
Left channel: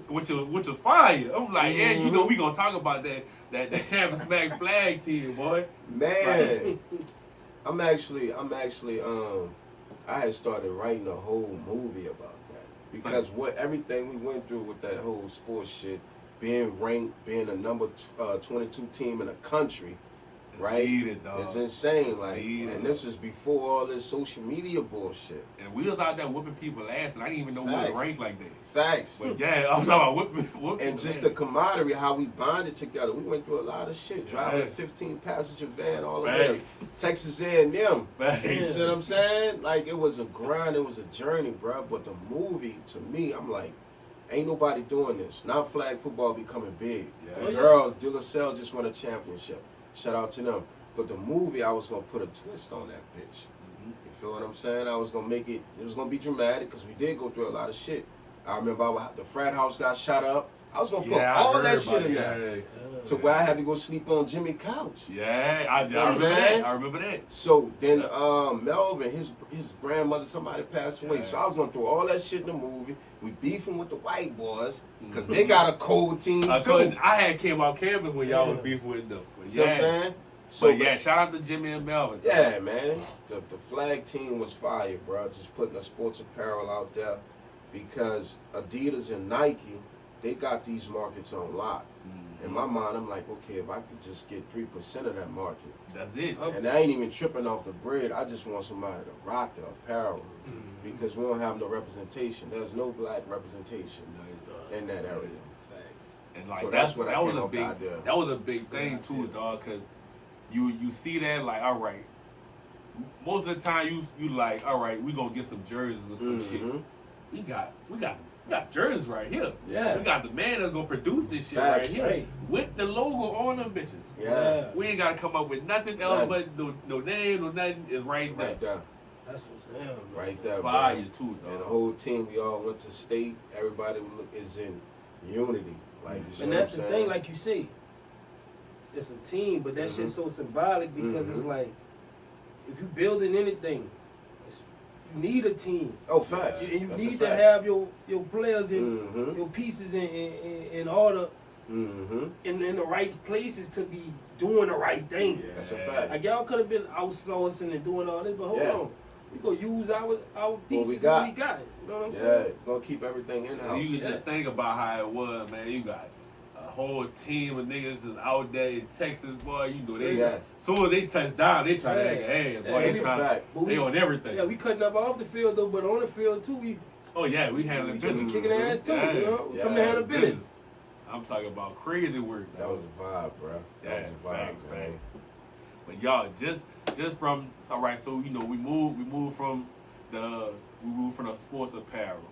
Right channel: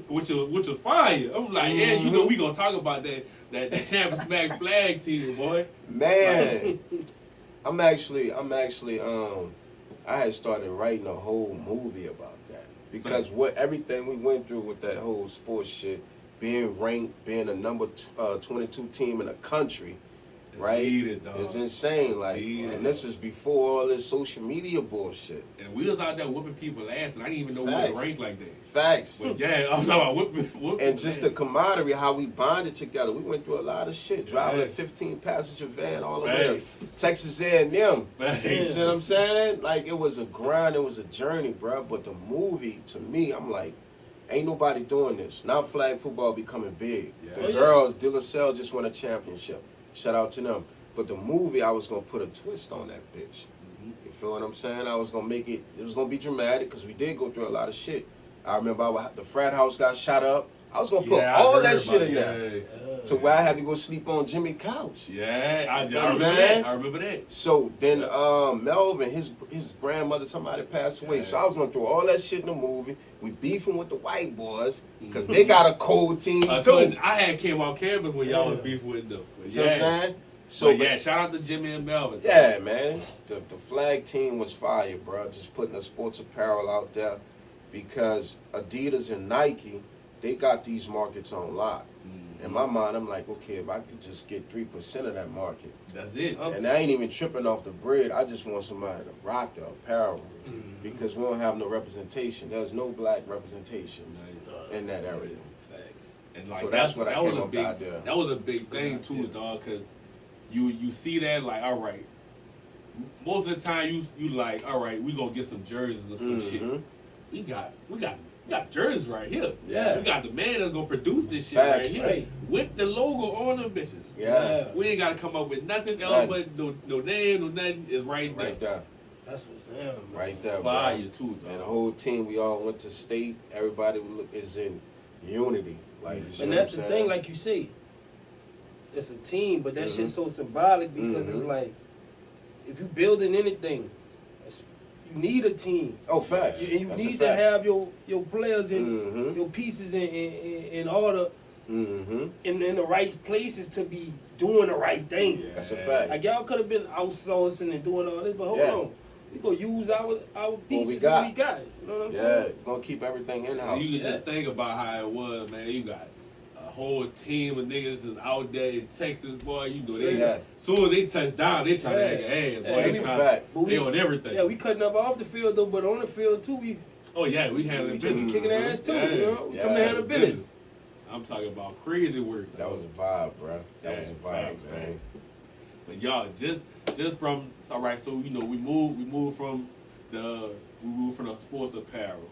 which is fire. I'm like, yeah, you know, we gonna talk about that Kampus Smakk flag team, boy. Man, I'm actually, I had started writing a whole movie about that because everything we went through with that whole sports shit, being ranked, being a number 22 team in the country, right? Needed, dog. It's insane, It's like, needed. and this is before all this social media bullshit. And we was out there whooping people ass, and I didn't even know we was ranked like that. Facts. But yeah, I'm talking about whooping And just the camaraderie, how we bonded together. We went through a lot of shit. Driving a 15-passenger van all the way to Texas A&M. You know what I'm saying? Like, it was a grind. It was a journey, bro. But the movie, to me, I'm like, ain't nobody doing this. Now flag football becoming big. The girls, De La Salle just won a championship. Shout out to them. But the movie, I was going to put a twist on that bitch. You feel what I'm saying? I was going to make it, was going to be dramatic because we did go through a lot of shit. I remember the frat house got shot up. I was going to put all that shit in there. To where I had to go sleep on Jimmy's couch. Yeah, I remember that. So then Melvin, his grandmother, somebody passed away. So I was going to throw all that shit in the movie. We beefing with the white boys because they got a cold team too. I had came on campus when y'all was beefing with them. See what I'm saying? So yeah, shout out to Jimmy and Melvin. Yeah, man. The flag team was fire, bro. Just putting the sports apparel out there because Adidas and Nike, they got these markets on lock. In my mind, I'm like, okay, if I could just get 3% of that market. That's it. And I ain't even tripping off the bread. I just want somebody to rock the apparel because we don't have no representation. There's no black representation in that area. And like So that was a big thing too, dog, because you see that like, all right, most of the time you like, all right, we gonna get some jerseys or some shit. We got jerseys right here. Yeah. We got the man that's gonna produce this shit right here with the logo on them bitches. Yeah. We ain't gotta come up with nothing else but no name, no nothing. Is right there. Right there. That's what's in, right there. Fire too, dog. And the whole team, we all went to state. Everybody is in unity. Like, and that's the thing, like you say, it's a team, but that shit's so symbolic because it's like, if you building anything, you need a team. Oh, facts. And you need to have your players in your pieces in order, in the right places to be doing the right thing. Yeah. That's a fact. Like, y'all could have been outsourcing and doing all this, but hold on. We gonna use our pieces what we got. You know what I'm saying? Yeah, gonna keep everything in house. You can just think about how it was, man. You got a whole team of niggas just out there in Texas, boy. You know as soon as they touch down, they try to act ass, boy. They on everything. Yeah, we cutting up off the field though, but on the field too, we handling business. We kicking ass too, you know? We come to handle business. I'm talking about crazy work. That was a vibe, bro. That was a vibe, facts. But y'all, just from so you know we moved from the sports apparel.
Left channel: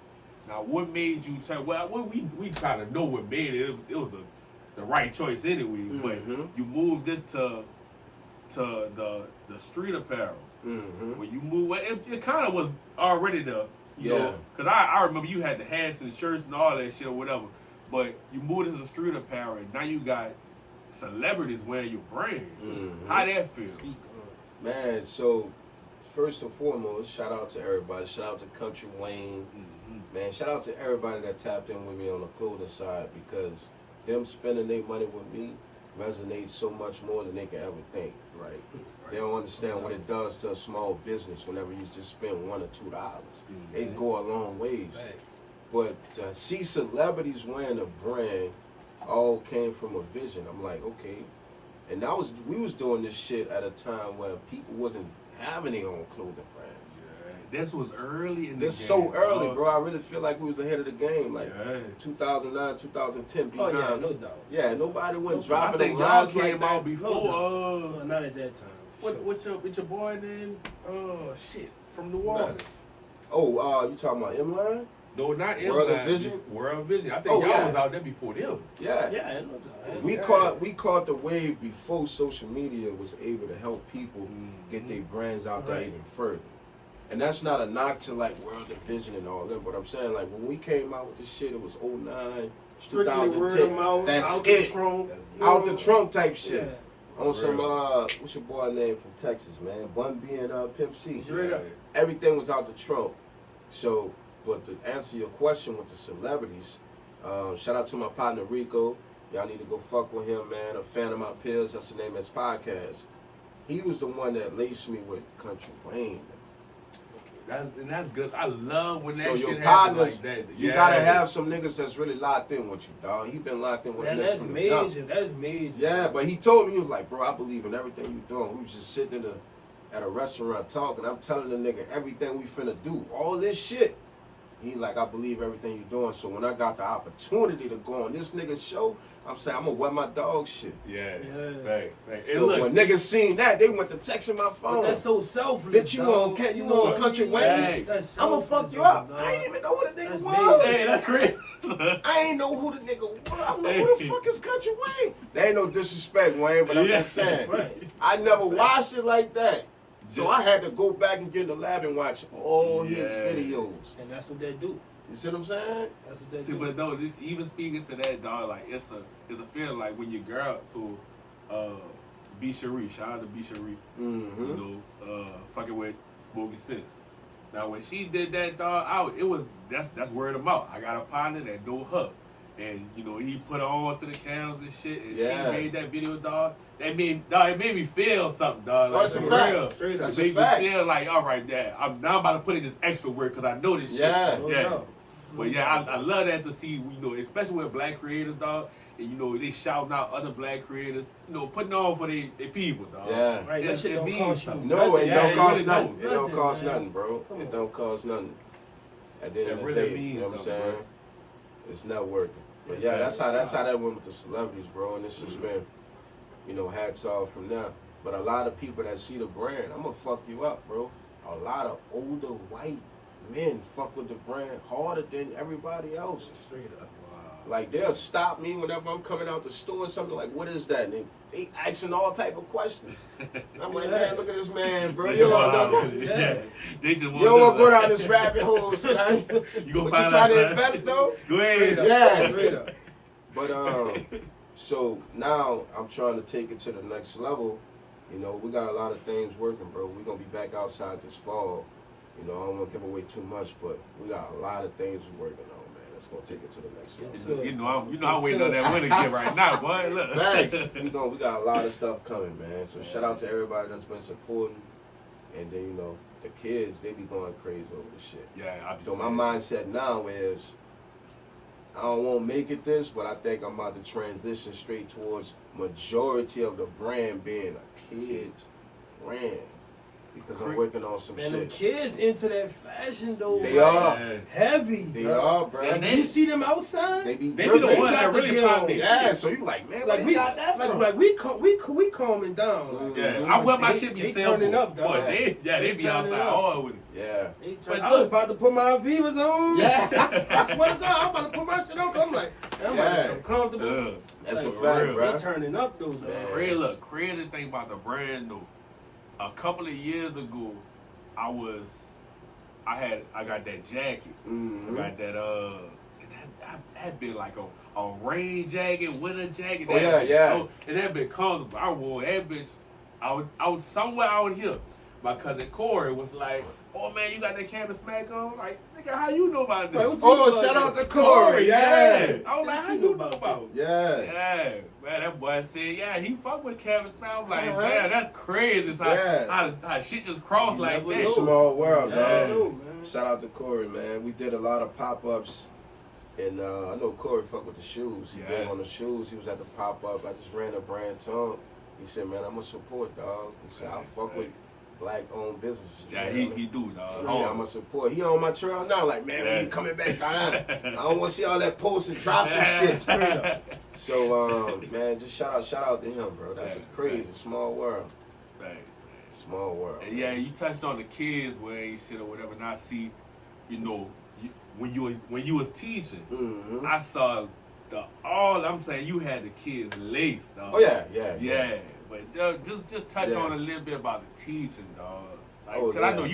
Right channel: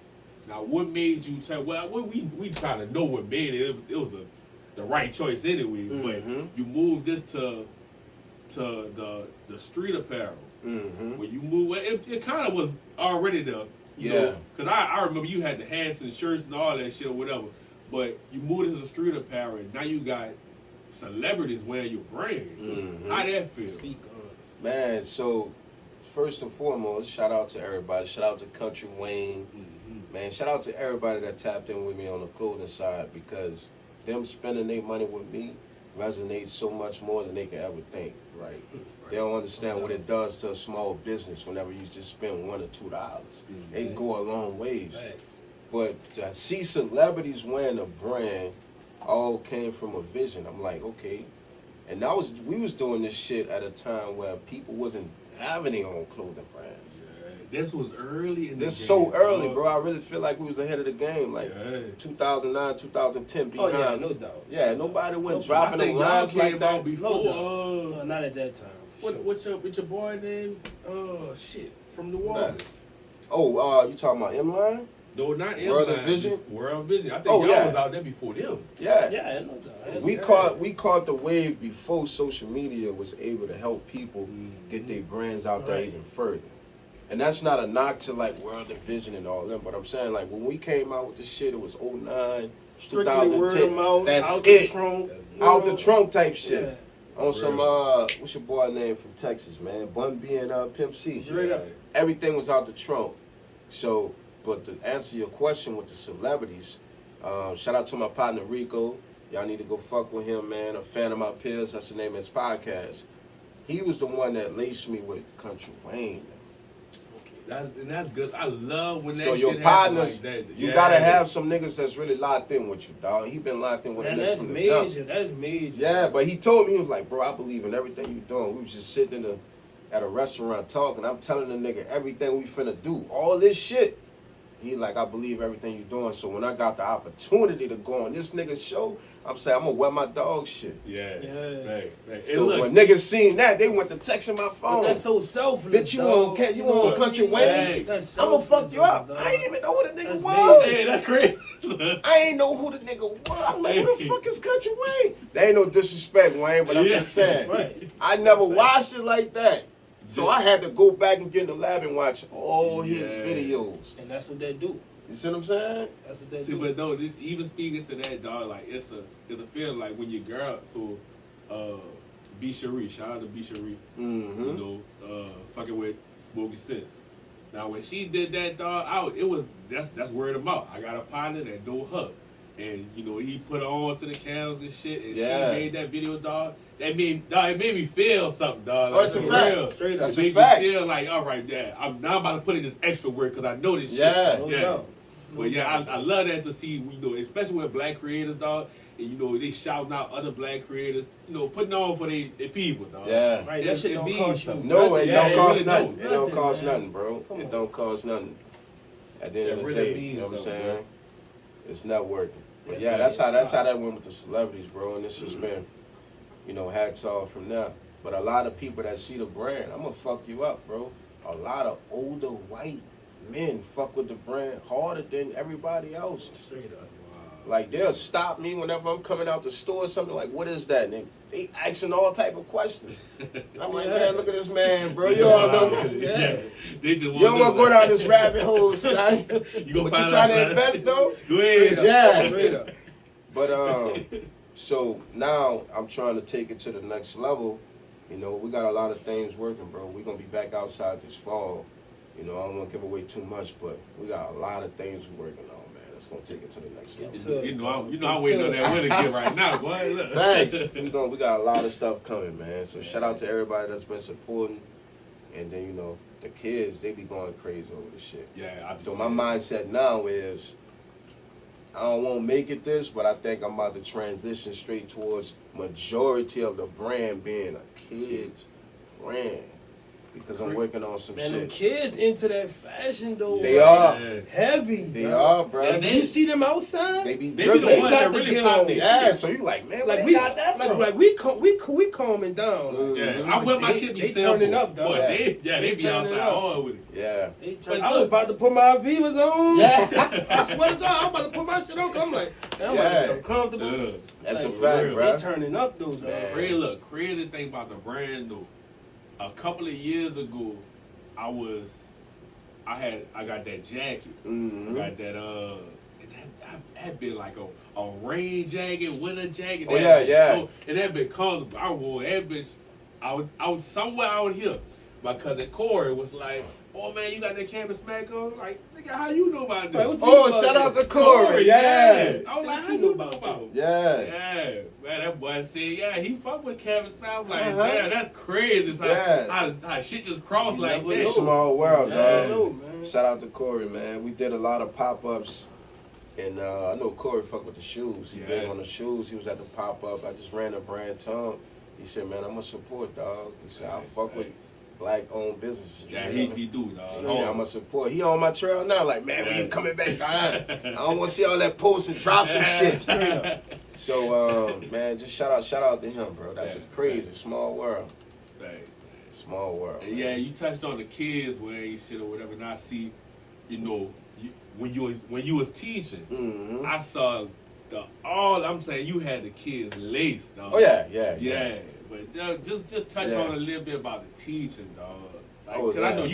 Now, what made you tell? Well, we try to know what made it. It was the right choice anyway. But you moved this to the street apparel. When you moved, it kind of was already you know, because I remember you had the hats and shirts and all that shit or whatever. But you moved into street apparel, and now you got celebrities wearing your brand. How that feel? Man, so first and foremost, shout out to everybody. Shout out to Country Wayne. Man, shout out to everybody that tapped in with me on the clothing side because them spending their money with me resonates so much more than they can ever think. Right. They don't understand what it does to a small business whenever you just spend $1 or $2. It go a long ways. But see celebrities wearing a brand all came from a vision. I'm like, okay. And we was doing this shit at a time where people wasn't having their own clothing brands. This was early in the game. So early, bro. I really feel like we was ahead of the game. Like 2009, 2010. Behind. Oh yeah, no doubt. Yeah, nobody went dropping the lines y'all came out before. No, not at that time. What's your boy name? From New Orleans. Oh, you talking about M-Line? No, not World M-Line. Vision. World Vision. I think y'all was out there before them. Yeah. Yeah, no doubt. We caught the wave before social media was able to help people get their brands out there even further. And that's not a knock to like World Division and all them, but I'm saying like when we came out with this shit, it was 09, Strictly 2010. word of mouth, That's out it. the trunk. Out the trunk type shit. On some, what's your boy name from Texas, man? Bun B and Pimp C. Yeah. Everything was out the trunk. So, but to answer your question with the celebrities, shout out to my partner Rico. Y'all need to go fuck with him, man. A fan of my peers. That's the name of his podcast. He was the one that laced me with Country Wayne. That's good. I love when that so shit your happens partners, like that. you gotta have some niggas that's really locked in with you, dog. He been locked in with man, me that's from the major. jump. That's major. Yeah, but he told me, he was like, bro, I believe in everything you doing. We was just sitting at a restaurant talking. I'm telling the nigga everything we finna do, all this shit. He like, I believe everything you doing. So when I got the opportunity to go on this nigga's show, I'm saying, I'm gonna wet my dog shit. Yeah. Thanks. So when niggas seen that, they went to texting my phone. But that's so selfless. Bitch, you on Country Wayne? I'ma fuck you up. Dog. I ain't even know who the nigga That's was. Hey, that's crazy. I ain't know who the nigga was. I'm like, who the fuck is Country Wayne? There ain't no disrespect, Wayne, but I'm just saying. Right. I never watched it like that. So I had to go back and get in the lab and watch all his videos. And that's what they do. You see what I'm saying? That's what they See, do. but no, even speaking to that, dog, like it's a feeling like when your girl, so B. Cherie, shout out to B. Cherie, you know, fucking with Smoking Sense. Now when she did that, dog, that's word of mouth. I got a partner that know her, and you know he put her on to the candles and shit, and she made that video, dog. It made me feel something, dog. Like, that's a for fact. real. Straight up. That's It made a fact. me feel like, all right, Dad, I'm about to put in this extra work because I know this Yeah. shit. Yeah. But yeah, I love that to see, you know, especially with black creators, dog, and you know, they shouting out other black creators, you know, putting on for their people, dog. Yeah. Right, that shit It don't means cost you something. No, it Yeah, don't it cost really nothing. don't. It don't cost man. nothing, bro. Come It on. don't cost nothing. At the end It of the really day, means you know what I'm something, saying? bro. It's networking. But Yes, yeah, sir. that's how that went with the celebrities, bro. And it's just been, you know, hats off from them. But a lot of people that see the brand, I'm gonna fuck you up, bro. A lot of older white men fuck with the brand harder than everybody else. Straight up. Like they'll stop me whenever I'm coming out the store or something like, what is that? And they asking all type of questions. And I'm like, man, look at this man, bro. You don't know. Yeah. They just You don't want to go down this rabbit hole, son. You gonna But find you trying out, to invest though? Go ahead. Yeah. Straight up. But so now I'm trying to take it to the next level. You know, we got a lot of things working, bro. We're gonna be back outside this fall. You know, I don't want to give away too much, but we got a lot of things we're working on, man. That's gonna take it to the next level. You know I'm waiting on that winner kid right now, boy. Look. Thanks. We got a lot of stuff coming, man. So shout out to everybody that's been supporting. And then, you know, the kids, they be going crazy over this shit. Yeah, So my mindset now is, I don't want to make it this, but I think I'm about to transition straight towards majority of the brand being a kid's brand. Because I'm working on some Man, them shit. kids into that fashion though. They like, are. heavy. They bro. are, bro. Like, you see them outside? They be They be the dripping. ones that got to really get pop on. their Yeah, shit. so you like, man, where Like they we, got that from? like we calming down. Like, Yeah, I wear my They- shit be they simple. turning up, dog. Boy, they be turning outside up. hard with it. Yeah. I was look- about to put my Avivas on. Yeah. I swear to God, I'm about to put my shit on. 'Cause I'm like, I'm about to become comfortable. That's Like, a fact, real. bro. They turning up though, dog. Yeah. Crazy thing about the brand though. A couple of years ago, I got that jacket. Mm-hmm. I got that that been like a rain jacket, winter jacket. Oh, that yeah. So, and that been comfortable. I wore that bitch out somewhere out here. My cousin Corey was like, "Oh man, you got that Kampus Smakk on? Like, nigga, how you know about that?" Like, what you Oh, about shout that? out to Corey. Yeah. I was like, What how you you know know about about it? Yeah. Yeah, man, that boy said, yeah, he fuck with Kampus Smakk. I'm like, Uh-huh. man, that's crazy. It's Yeah. how shit just crossed like never that. It's a small world, Yeah. man. know, man. Shout out to Corey, man. We did a lot of pop-ups. And I know Corey fuck with the shoes. He big on the shoes. He was at the pop-up. I just ran a brand to him. He said, man, I'm going to support, dog. He said, I'll fuck with black-owned businesses. Yeah, man. he do, dog. He said, I'm going to support. He on my trail now. Like, man, when you coming back? I don't want to see all that posts and drops and shit. So, man, just shout out to him, bro. That's just crazy. Small world. Thanks, man. Small world. And yeah, you touched on the kids wearing shit or whatever, and I see, you know, when you was teaching, Mm-hmm. I saw all I'm saying you had the kids laced, dog. Oh, yeah. But just touch on a little bit about the teaching, dog. Like, Oh, cause I yeah. know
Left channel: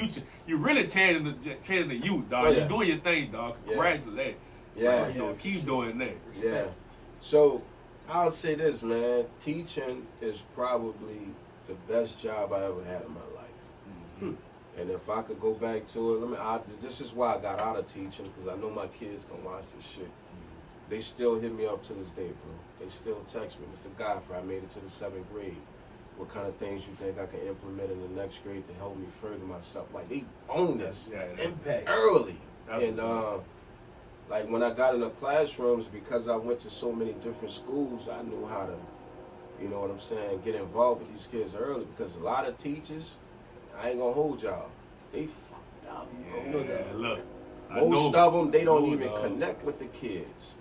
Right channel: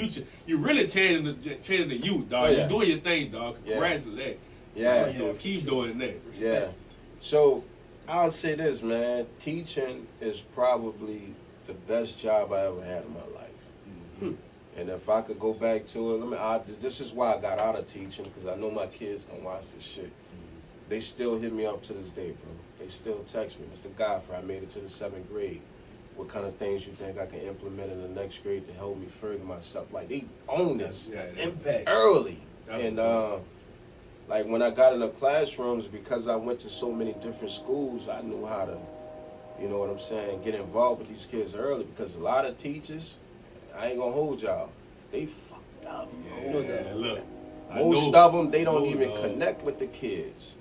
you really changing the youth, dog. Oh, yeah. You doing your thing, dog. Yeah. Congratulations. Yeah. You know, keep doing that. Yeah. So I'll say this, man. Teaching is probably the best job I ever had in my life. Mm-hmm. And if I could go back to it, this is why I got out of teaching, because I know my kids don't watch this shit. They still hit me up to this day, bro. They still text me. Mr. Godfrey, I made it to the 7th grade. What kind of things you think I can implement in the next grade to help me further myself? Like, they own this impact early. And like when I got in the classrooms, because I went to so many different schools, I knew how to, you know what I'm saying, get involved with these kids early. Because a lot of teachers, I ain't gonna hold y'all, they fucked up. Yeah, you know that. Look, Most of them, they don't even connect with the kids.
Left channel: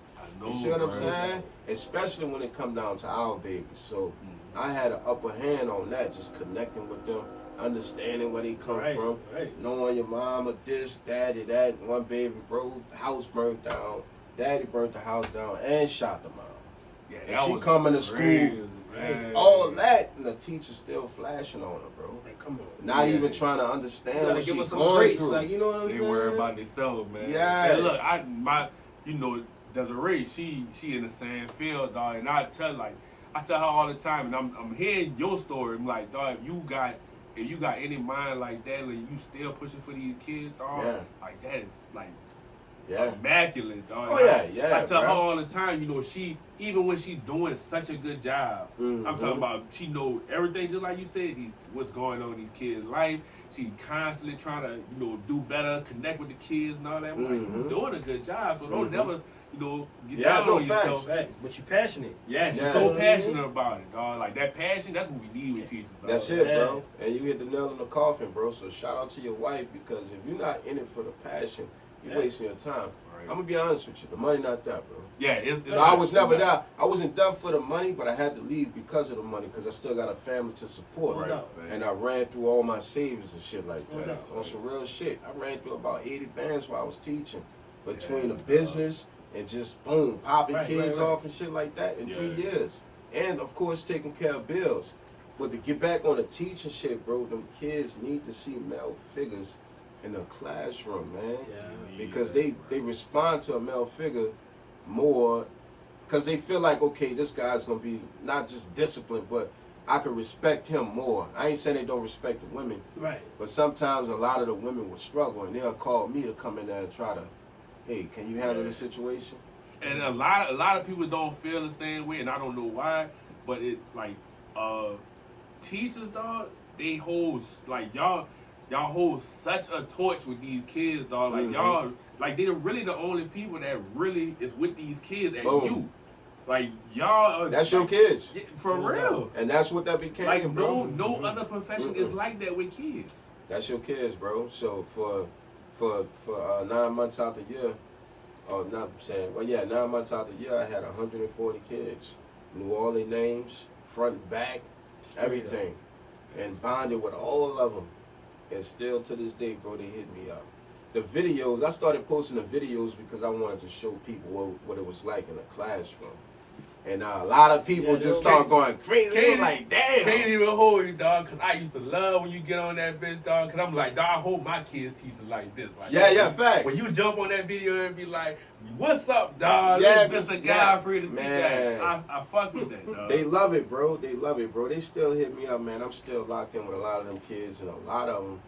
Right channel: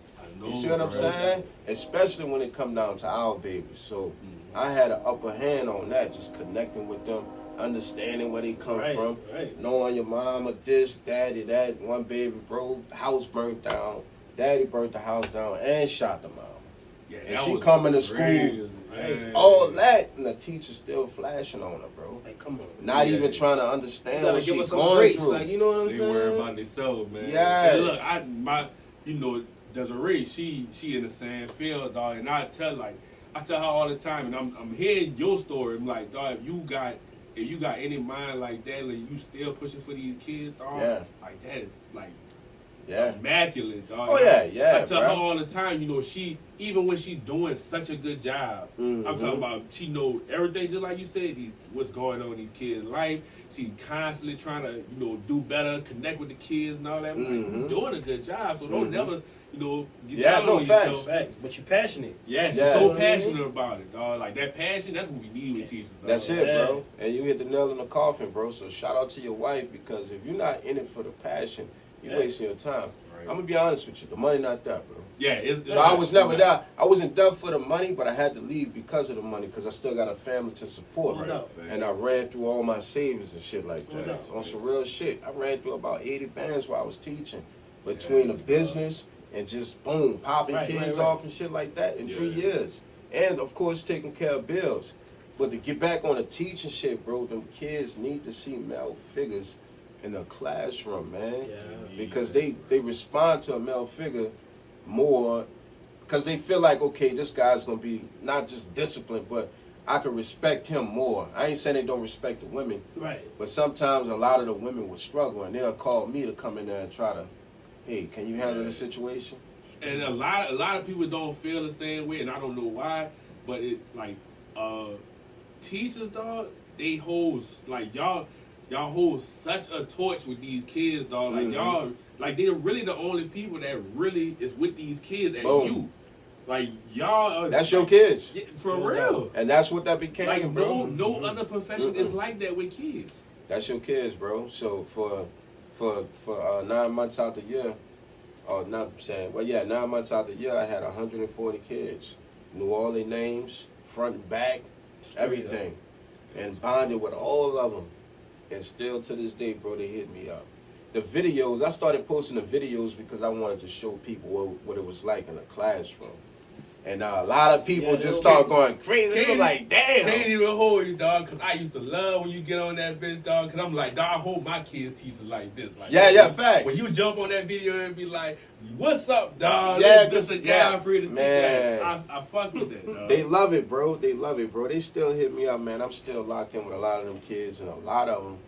You see what I'm saying? Especially when it come down to our babies. So I had an upper hand on that, just connecting with them, understanding where they come from, knowing your mama this, daddy that. One baby, bro, house burnt down. Daddy burnt the house down and shot them out. Yeah, and she coming to school, all that, and the teacher still flashing on her, bro. Like, come on. Not even trying to understand what give she's us some going grace, through. like, you know what I'm saying? They worry about themselves, man. Yeah. And look, Desiree, she in the same field, dog, and I tell her all the time, and I'm hearing your story. I'm like, dog, if you got any mind like that, like you still pushing for these kids, dog, like that is like immaculate, dog. Oh I tell bro. her all the time, you know, she even when she doing such a good job, I'm talking about she know everything, just like you said, what's going on in these kids' life. She constantly trying to, you know, do better, connect with the kids and all that. I'm like, you doing a good job, so don't never, you know, get down on yourself. Facts. But you passionate. Yeah, she's so passionate about it, dog. Like that passion, that's what we need with teachers, dog. That's it, bro. And you hit the nail in the coffin, bro. So shout out to your wife, because if you're not in it for the passion, you're wasting your time. Right. I'm gonna be honest with you, the money not that, bro. Yeah, so I was never that. I wasn't done for the money, but I had to leave because of the money, because I still got a family to support. Right. And I ran through all my savings and shit like that. On some real shit. I ran through about 80 bands while I was teaching, between the business and just boom, popping kids off and shit like that in 3 years. And of course taking care of bills. But to get back on the teaching shit, bro, them kids need to see male figures in the classroom, man. Because they respond to a male figure more, because they feel like, okay, this guy's gonna be not just disciplined, but I can respect him more. I ain't saying they don't respect the women, but sometimes a lot of the women will struggle, and they'll call me to come in there and try to, hey, can you handle the situation? And a lot of people don't feel the same way, and I don't know why, but it like teachers, dog, they hold like y'all hold such a torch with these kids, dog. Like y'all, like they're really the only people that really is with these kids and you. Like y'all are, that's your kids. For real. And that's what that became, like, bro. No other profession is like that with kids. That's your kids, bro. So for 9 months out the year, or not saying, well, 9 months out the year, I had 140 kids. Knew all their names, front and back, everything. And bonded with all of them. And still to this day, bro, they hit me up. The videos, I started posting the videos because I wanted to show people what it was like in a classroom. And a lot of people just start going crazy. They like, damn. Can't even hold you, dog, because I used to love when you get on that bitch, dog, because I'm like, dog, I hope my kids teach like this. Like, facts. When you jump on that video and be like, what's up, dog? It's just a guy free to teach that. I fuck with that, dog. They love it, bro. They love it, bro. They still hit me up, man. I'm still locked in with a lot of them kids, and a lot of them,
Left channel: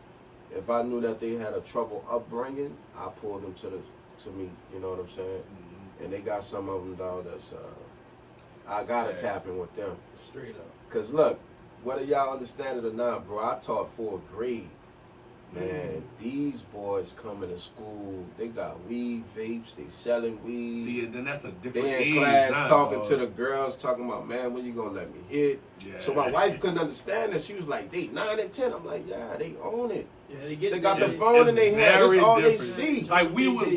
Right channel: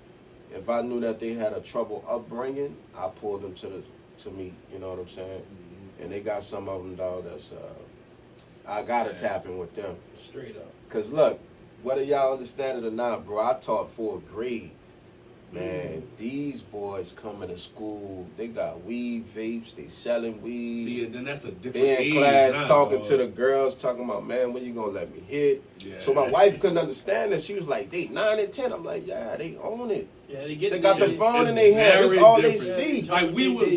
if I knew that they had a trouble upbringing, I pulled them to me, you know what I'm saying? Mm-hmm. And they got some of them, dog, that's... I gotta tap in with them. Straight up. Cause look, whether y'all understand it or not, bro, I taught 4th grade. Man, these boys coming to school, they got weed, vapes, they selling weed. See, and then that's a different they in age class now, talking to the girls, talking about, man, when you gonna let me hit? Yeah. So my wife couldn't understand this. She was like, they 9 and 10. I'm like, yeah, they own it. Yeah, they get They it. got the phone in their hand. That's all they see. Like we was,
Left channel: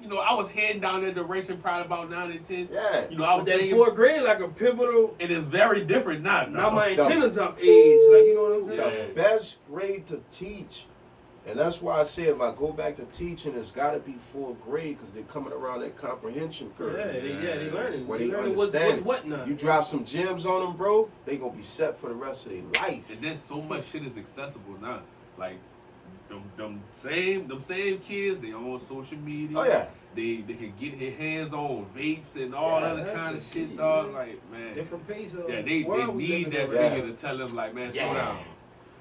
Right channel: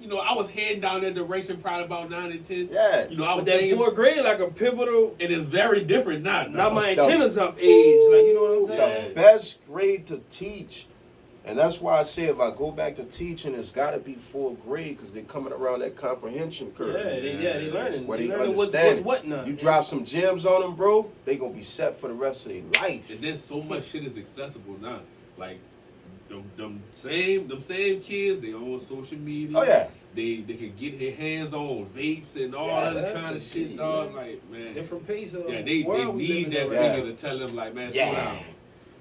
you know, I was heading down that direction probably about 9 and 10. Yeah. You know, I was that 4th grade like a pivotal. It is very different now. Now my antennas up age. Like, you know what I'm saying? The best grade to teach. And that's why I say if I go back to teaching, it's got to be 4th grade, because they're coming around that comprehension curve. They learning. Where they learning what's what now. You drop some gems on them, bro, they going to be set for the rest of their life. And then so much shit is accessible now. Like, them same kids, they on social media. Oh yeah. They can get their hands on vapes and all other kind of shit, dog. Like, man. Different pace of Yeah, they need that figure to tell them, like, man, slow down.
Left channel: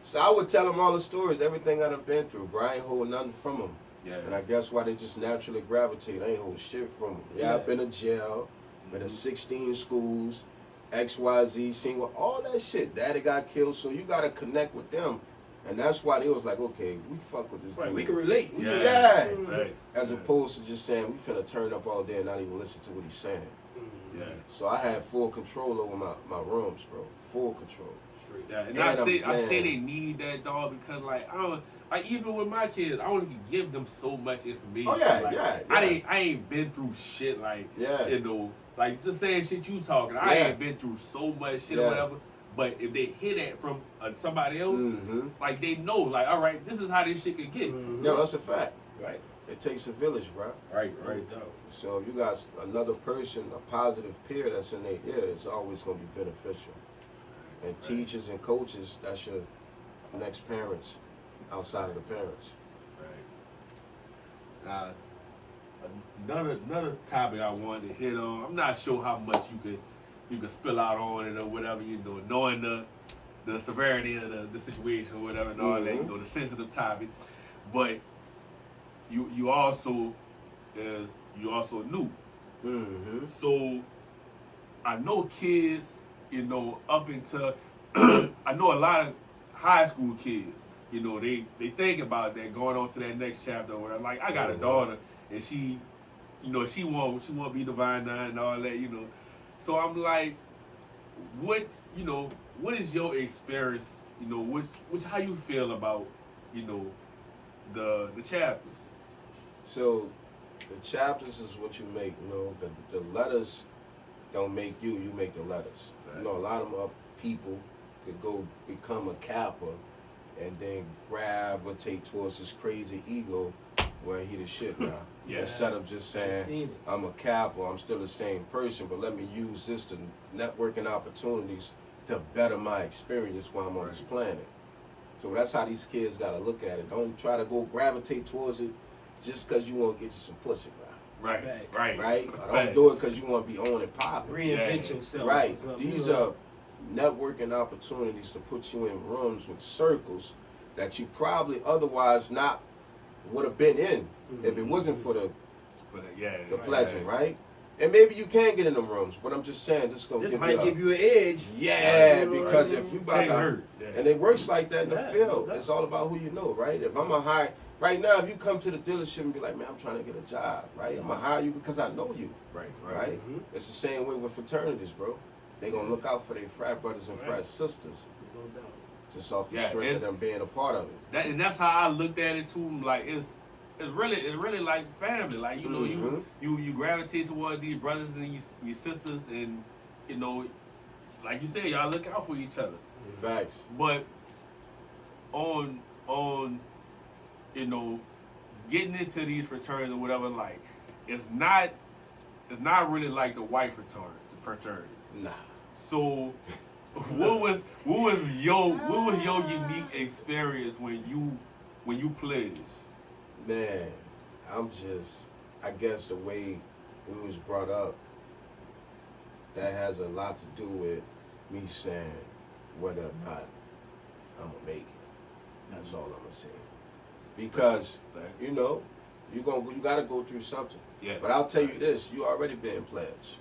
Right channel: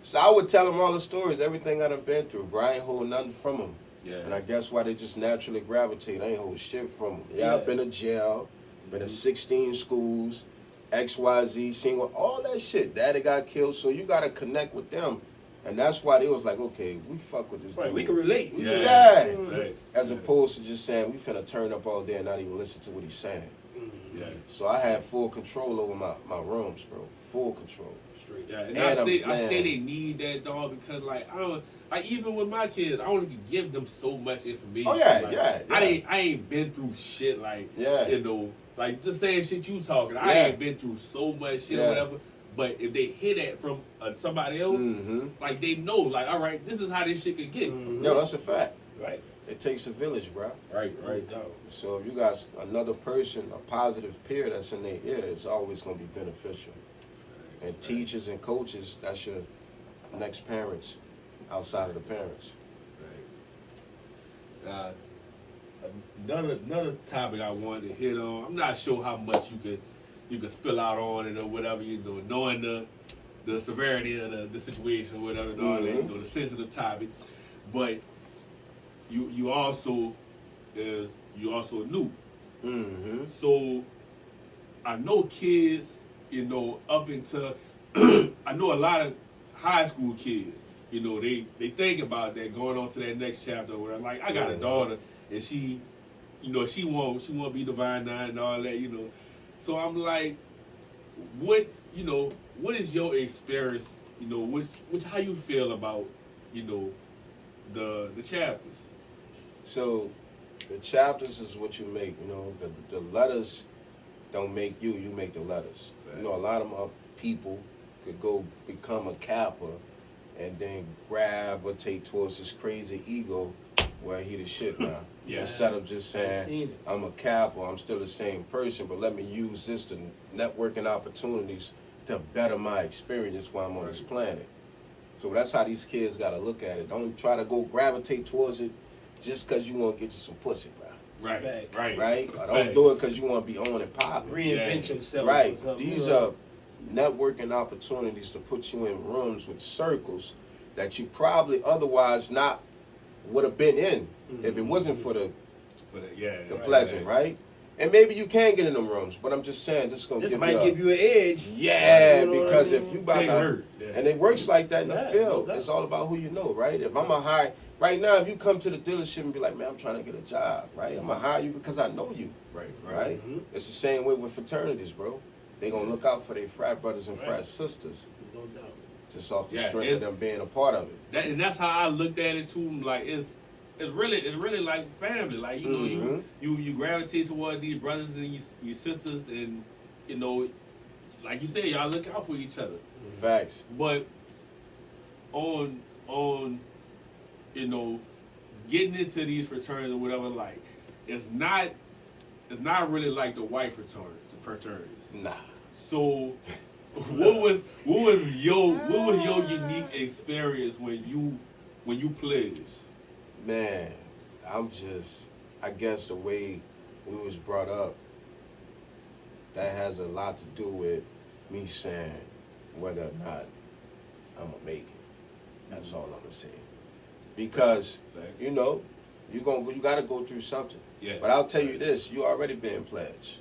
So I would tell them all the stories, everything I done been through, bro. I ain't hold nothing from them. Yeah. And I guess why they just naturally gravitate. I ain't hold shit from them. Yeah, I've been to jail, been to 16 schools, XYZ, single, all that shit. Daddy got killed, so you got to connect with them. And that's why they was like, okay, we fuck with this dude. We can relate. Yeah. Thanks. As opposed to just saying, we finna turn up all day and not even listen to what he's saying. Yeah. So I had full control over my rooms, bro. Full control. Straight. Yeah, and I say they need that, dog, because like even with my kids, I only can give them so much information. Oh yeah, like, yeah. I ain't been through shit like you know, like the same shit you talking. I ain't been through so much shit or whatever. But if they hear that from somebody else, like they know, like, all right, this is how this shit can get. No, that's a fact. Right. It takes a village, bro. Right. So if you got another person, a positive peer that's in their ear, it's always going to be beneficial. And teachers and coaches, that's your next parents outside of the parents. Thanks. Another topic I wanted to hit on. I'm not sure how much you could spill out on it or whatever, you know, knowing the severity of the situation or whatever and all that, you know, the sensitive topic. But you also new. So I know kids, you know, up into I know a lot of high school kids, you know, they think about that going on to that next chapter or whatever. Like I got a daughter and she, you know, she won't be Divine Nine and all that, you know. So I'm like, what is your experience, you know, which how you feel about, you know, the chapters? So the chapters is what you make, you know, the letters don't make you make the letters. Thanks. You know, a lot of people could go become a Kappa and then gravitate towards this crazy ego where he the shit now. Instead of just saying, I'm a Kappa, I'm still the same person, but let me use this to networking opportunities to better my experience while I'm on this planet. So that's how these kids got to look at it. Don't try to go gravitate towards it just because you want to get you some pussy, bro. Right? Or don't do it because you want to be on and popping. Reinvent yourself. Right. These are networking opportunities to put you in rooms with circles that you probably otherwise not would have been in if it wasn't for the pledging, right? And maybe you can get in them rooms, but I'm just saying this might give you an edge. Yeah, you know because if you about to and it works like that in the field. It's all about who you know, right? If I'm a hire right now, if you come to the dealership and be like, man, I'm trying to get a job, right? I'm gonna hire you because I know you. Right? It's the same way with fraternities, bro. They gonna look out for their frat brothers and frat sisters. No doubt. Just off the strength of them being a part of it. And that's how I looked at it too. Like it's really like family. Like you know, you gravitate towards these brothers and your sisters, and you know, like you said, y'all look out for each other. Facts. But on you know, getting into these fraternities or whatever, like it's not really like the white fraternities. Nah. So what was your unique experience when you pledged? Man, I guess the way we was brought up, that has a lot to do with me saying whether or not I'm gonna make it. That's all I'm gonna say. Because you know, you gotta go through something. Yeah. But I'll tell you this: you already been pledged.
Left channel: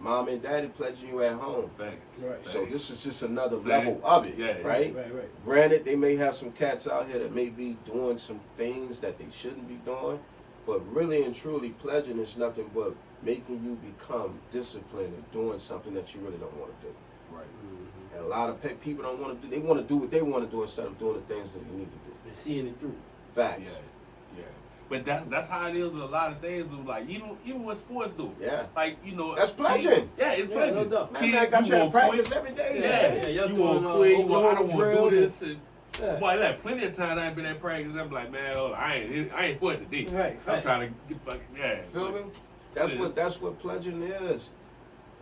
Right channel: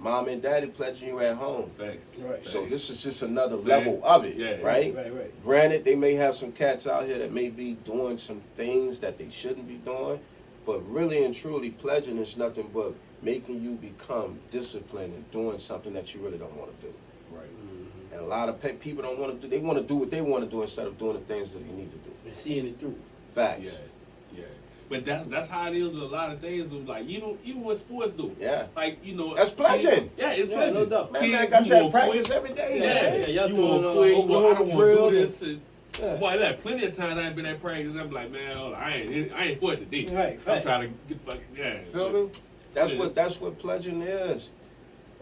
Mom and daddy pledging you at home. Thanks. Right. So this is just another level of it, right? Right. Granted, they may have some cats out here that may be doing some things that they shouldn't be doing, but really and truly, pledging is nothing but making you become disciplined and doing something that you really don't want to do. Right. And a lot of people don't want to do. They want to do what they want to do instead of doing the things that you need to do. And seeing it through. Facts. Yeah. But that's how it is with a lot of things. Of like even what sports do. Yeah. Like you know. That's pledging. It's pledging. No doubt. Man, I got you at practice every day. Yeah. You want to quit. You want. I don't want to do this. And, boy, that plenty of times I ain't been at practice. I'm like, man, hold on, I ain't for it today. Right. I'm trying to get fucking Feel me? That's what pledging is.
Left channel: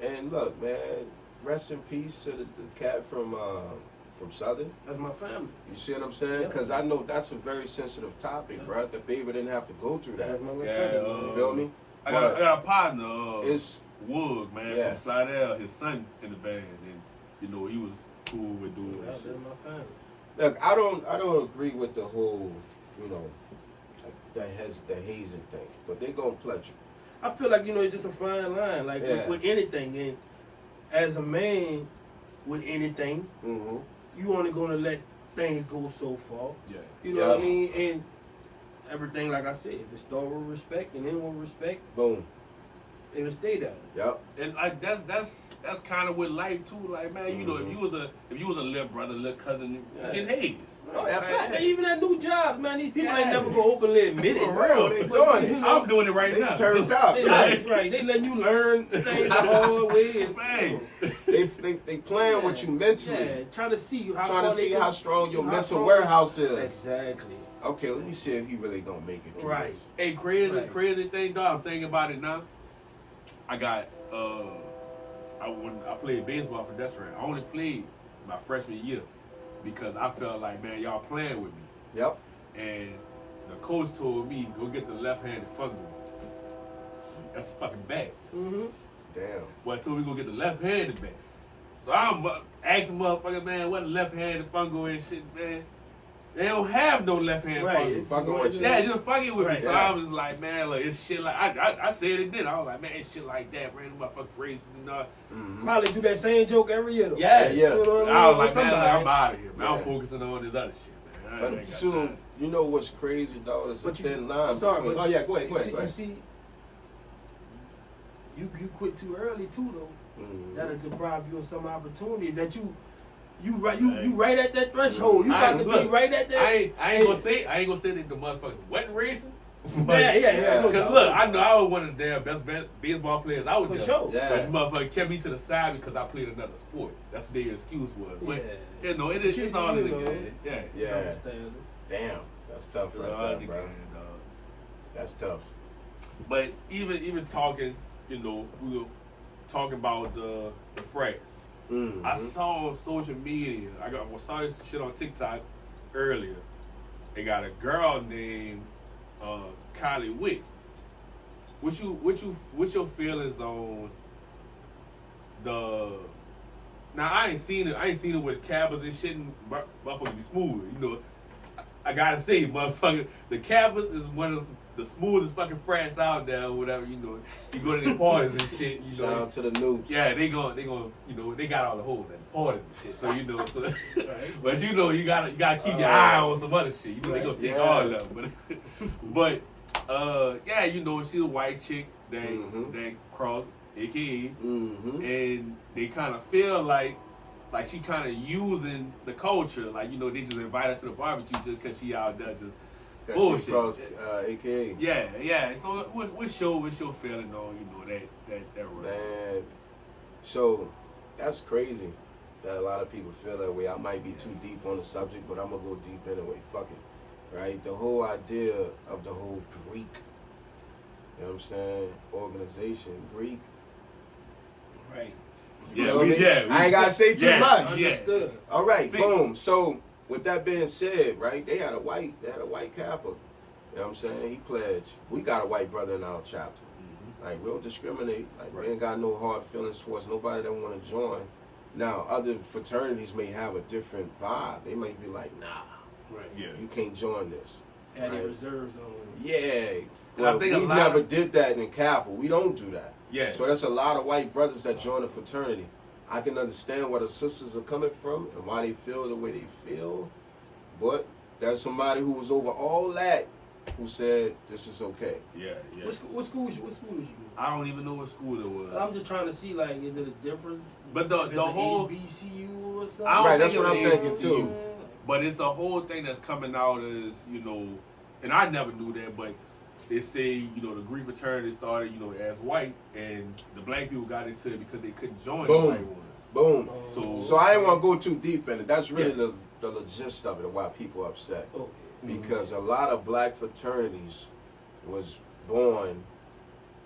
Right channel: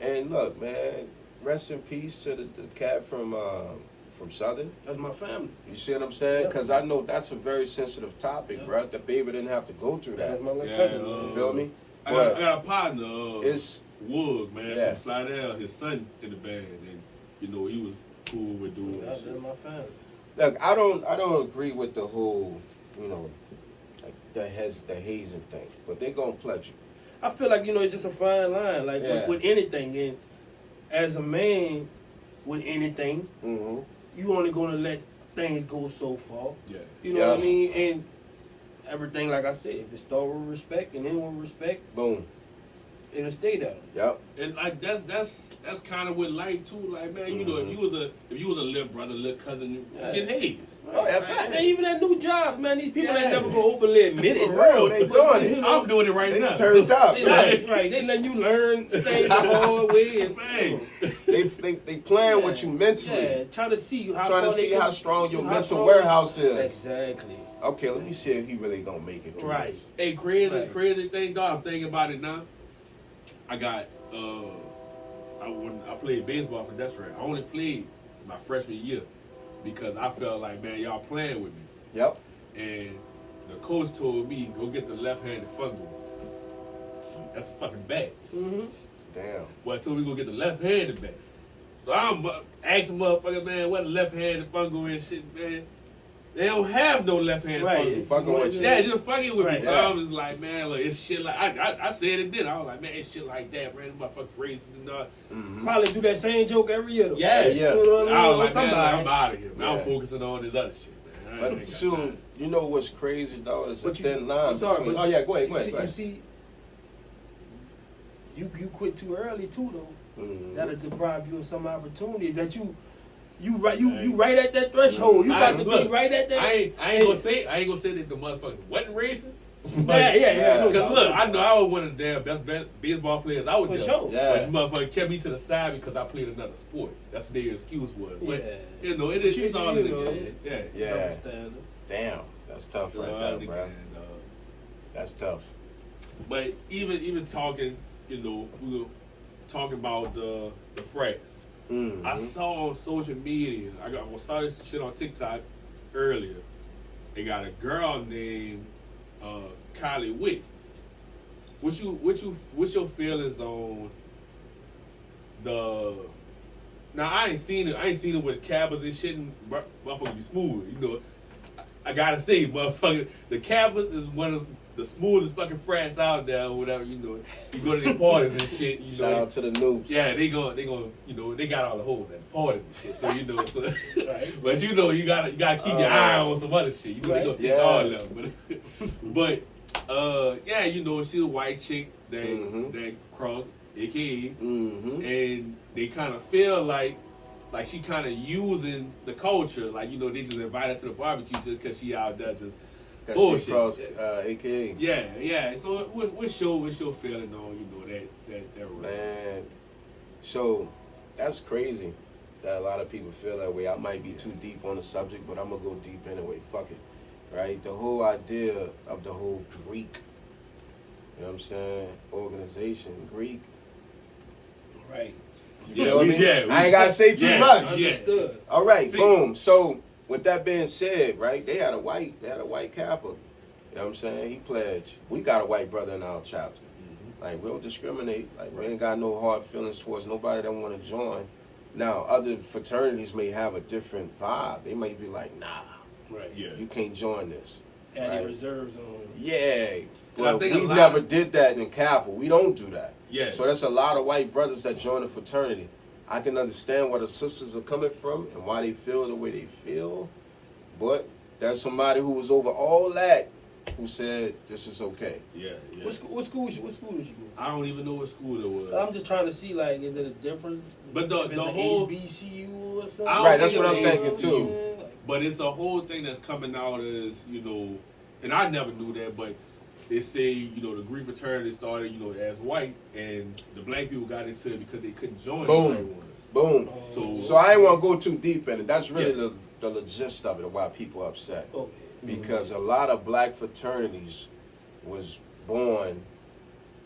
And look, man, rest in peace to the cat from from Southern? That's my family. You see what I'm saying? Because I know that's a very sensitive topic, bro. The baby didn't have to go through that. That's my little cousin. You feel me? I got a partner, it's Wood, man, from Slidell, his son in the band, and you know he was cool with doing that. That's my family. Look, I don't agree with the whole, you know, the hazing thing, but they gonna pledge you. I feel like, you know, it's just a fine line, like with anything. And as a man, with anything, you only gonna let things go so far. Yeah. You know what I mean? And everything, like I said, if it start with respect and end with respect, boom, it'll stay there. Yep. And like that's kind of with life too. Like, man, you know, if you was a little brother, little cousin, you get hazed. Oh, yeah, man, even at new jobs, man, these people ain't never go openly admit it. For real, they doing it. I'm doing it right now. Turned up. Right. They letting you learn things the hard way. And, man, they playing with you mentally. Yeah, trying to see how strong your mental warehouse is. Exactly. Okay, let me see if he really gonna make it. Right. Hey, crazy thing, dog. I'm thinking about it now. I got I played baseball for Deseret. I only played my freshman year because I felt like, man, y'all playing with me. Yep. And the coach told me, go get the left-handed fungal. That's a fucking bat. Mm-hmm. Damn. Well, I told me go get the left-handed bat. So I'm asking motherfucker, man, what a left-handed fungal and shit, man. They don't have no left-handed fungal. Fucking with you. Yeah, just fucking with me. So yeah. I was just like, man, look, it's shit like I said it then. I was like, man, it's shit like that, man. Motherfuckers racist and all. Probably do that same joke every year though. Yeah. You know what I was like, man, like, I'm out of here, man. I'm focusing on this other shit, man. But soon, you know what's crazy, though? It's a thin line. I'm sorry, between, but go ahead. You see, you quit too early too though. That'll deprive you of some opportunities that you right at that threshold. You got to be right at that. I ain't gonna say that the motherfuckers wasn't racist. Yeah. Because look, I know I was one of the damn best baseball players out there. For sure. But the motherfucker kept me to the side because I played another sport. That's what their excuse was. But you know, it's all in the game. Yeah. Understand. Damn, that's tough right there, bro. That's tough. But even talking, you know, we were talking about the frats. I saw on social media, I saw this shit on TikTok earlier. They got a girl named Kylie Wick. What's your feelings on the? Now I ain't seen it with Cabbas and shit, and motherfucker be smooth. You know, I gotta say, motherfucker, the Cabbas is one of the smoothest fucking frats out there, or whatever. You know, you go to their parties and shit. You know, shout out to the noobs. Yeah, they going, you know, they got all the hoes at the parties and shit. So you know, but you know, you gotta keep your eye on some other shit. You know, they gonna take all of them. But yeah, you know, she's a white chick that crossed, AKA, and they kind of feel like she kind of using the culture, like, you know, they just invite her to the barbecue just because she out there just bullshit. Crossed, AKA. Yeah. So what's your feeling on, you know, that right? Man, so that's crazy that a lot of people feel that way. I might be too deep on the subject, but I'm gonna go deep anyway. Fuck it, right? The whole idea of the whole Greek, you know what I'm saying, organization, Greek. Right. I ain't gotta say too much. Understood. All right, boom. So with that being said, right, they had a white Kappa. You know what I'm saying? He pledged. We got a white brother in our chapter. Like, we don't discriminate. Like, we ain't got no hard feelings towards nobody that want to join. Now, other fraternities may have a different vibe. They might be like, nah, you can't join this. Adding reserves on. Yeah. Well, I think we never did that in Kappa. We don't do that. Yeah. So that's a lot of white brothers that join a fraternity. I can understand where the sisters are coming from and why they feel the way they feel. But there's somebody who was over all that who said this is okay. Yeah. What school did you go? I don't even know what school it was. I'm just trying to see, like, is it a difference? But the whole HBCU or something? Right, that's what I'm thinking too. But it's a whole thing that's coming out as, you know, and I never knew that, but they say, you know, the Greek fraternity started, you know, as white, and the black people got into it because they couldn't join the white ones. Boom. So I ain't want to go too deep in it. That's really the gist of it, why people are upset. Because a lot of black fraternities was born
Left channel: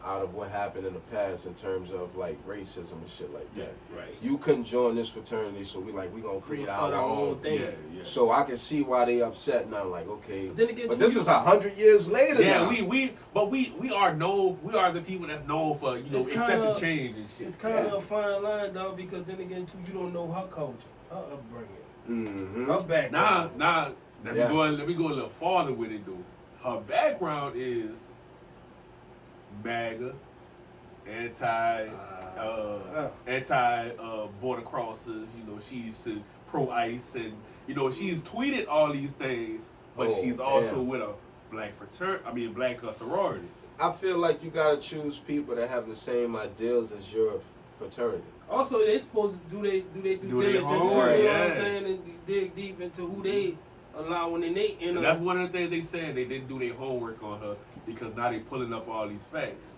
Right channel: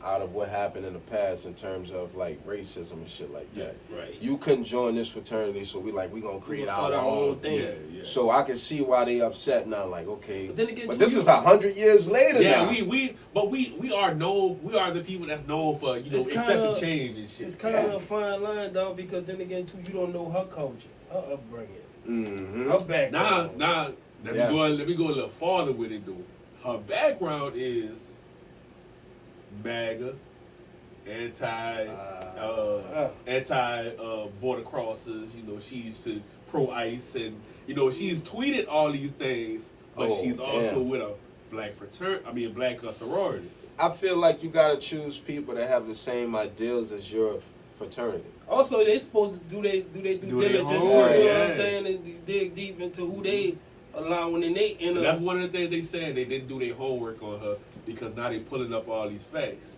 out of what happened in the past in terms of like racism and shit like that. Right. You couldn't join this fraternity, so we gonna create our own thing. Yeah. So I can see why they upset now. Like, okay, but then again, but this is 100 years later. Yeah, now. we are the people that's known for accepting change and shit. It's kind of a fine line, dog, because then again, too, you don't know her culture, her upbringing, her background. Let me go a little farther with it though. Her background is MAGA, anti border crossers. You know, she's pro ICE, and you know she's tweeted all these things, but she's also with a black sorority. I feel like you gotta choose people that have the same ideals as your fraternity. Also, they supposed to do their due diligence, you know what I'm saying, and dig deep into who they allowing in they inner. That's one of the things they said. They didn't do their homework on her because now they pulling up all these facts,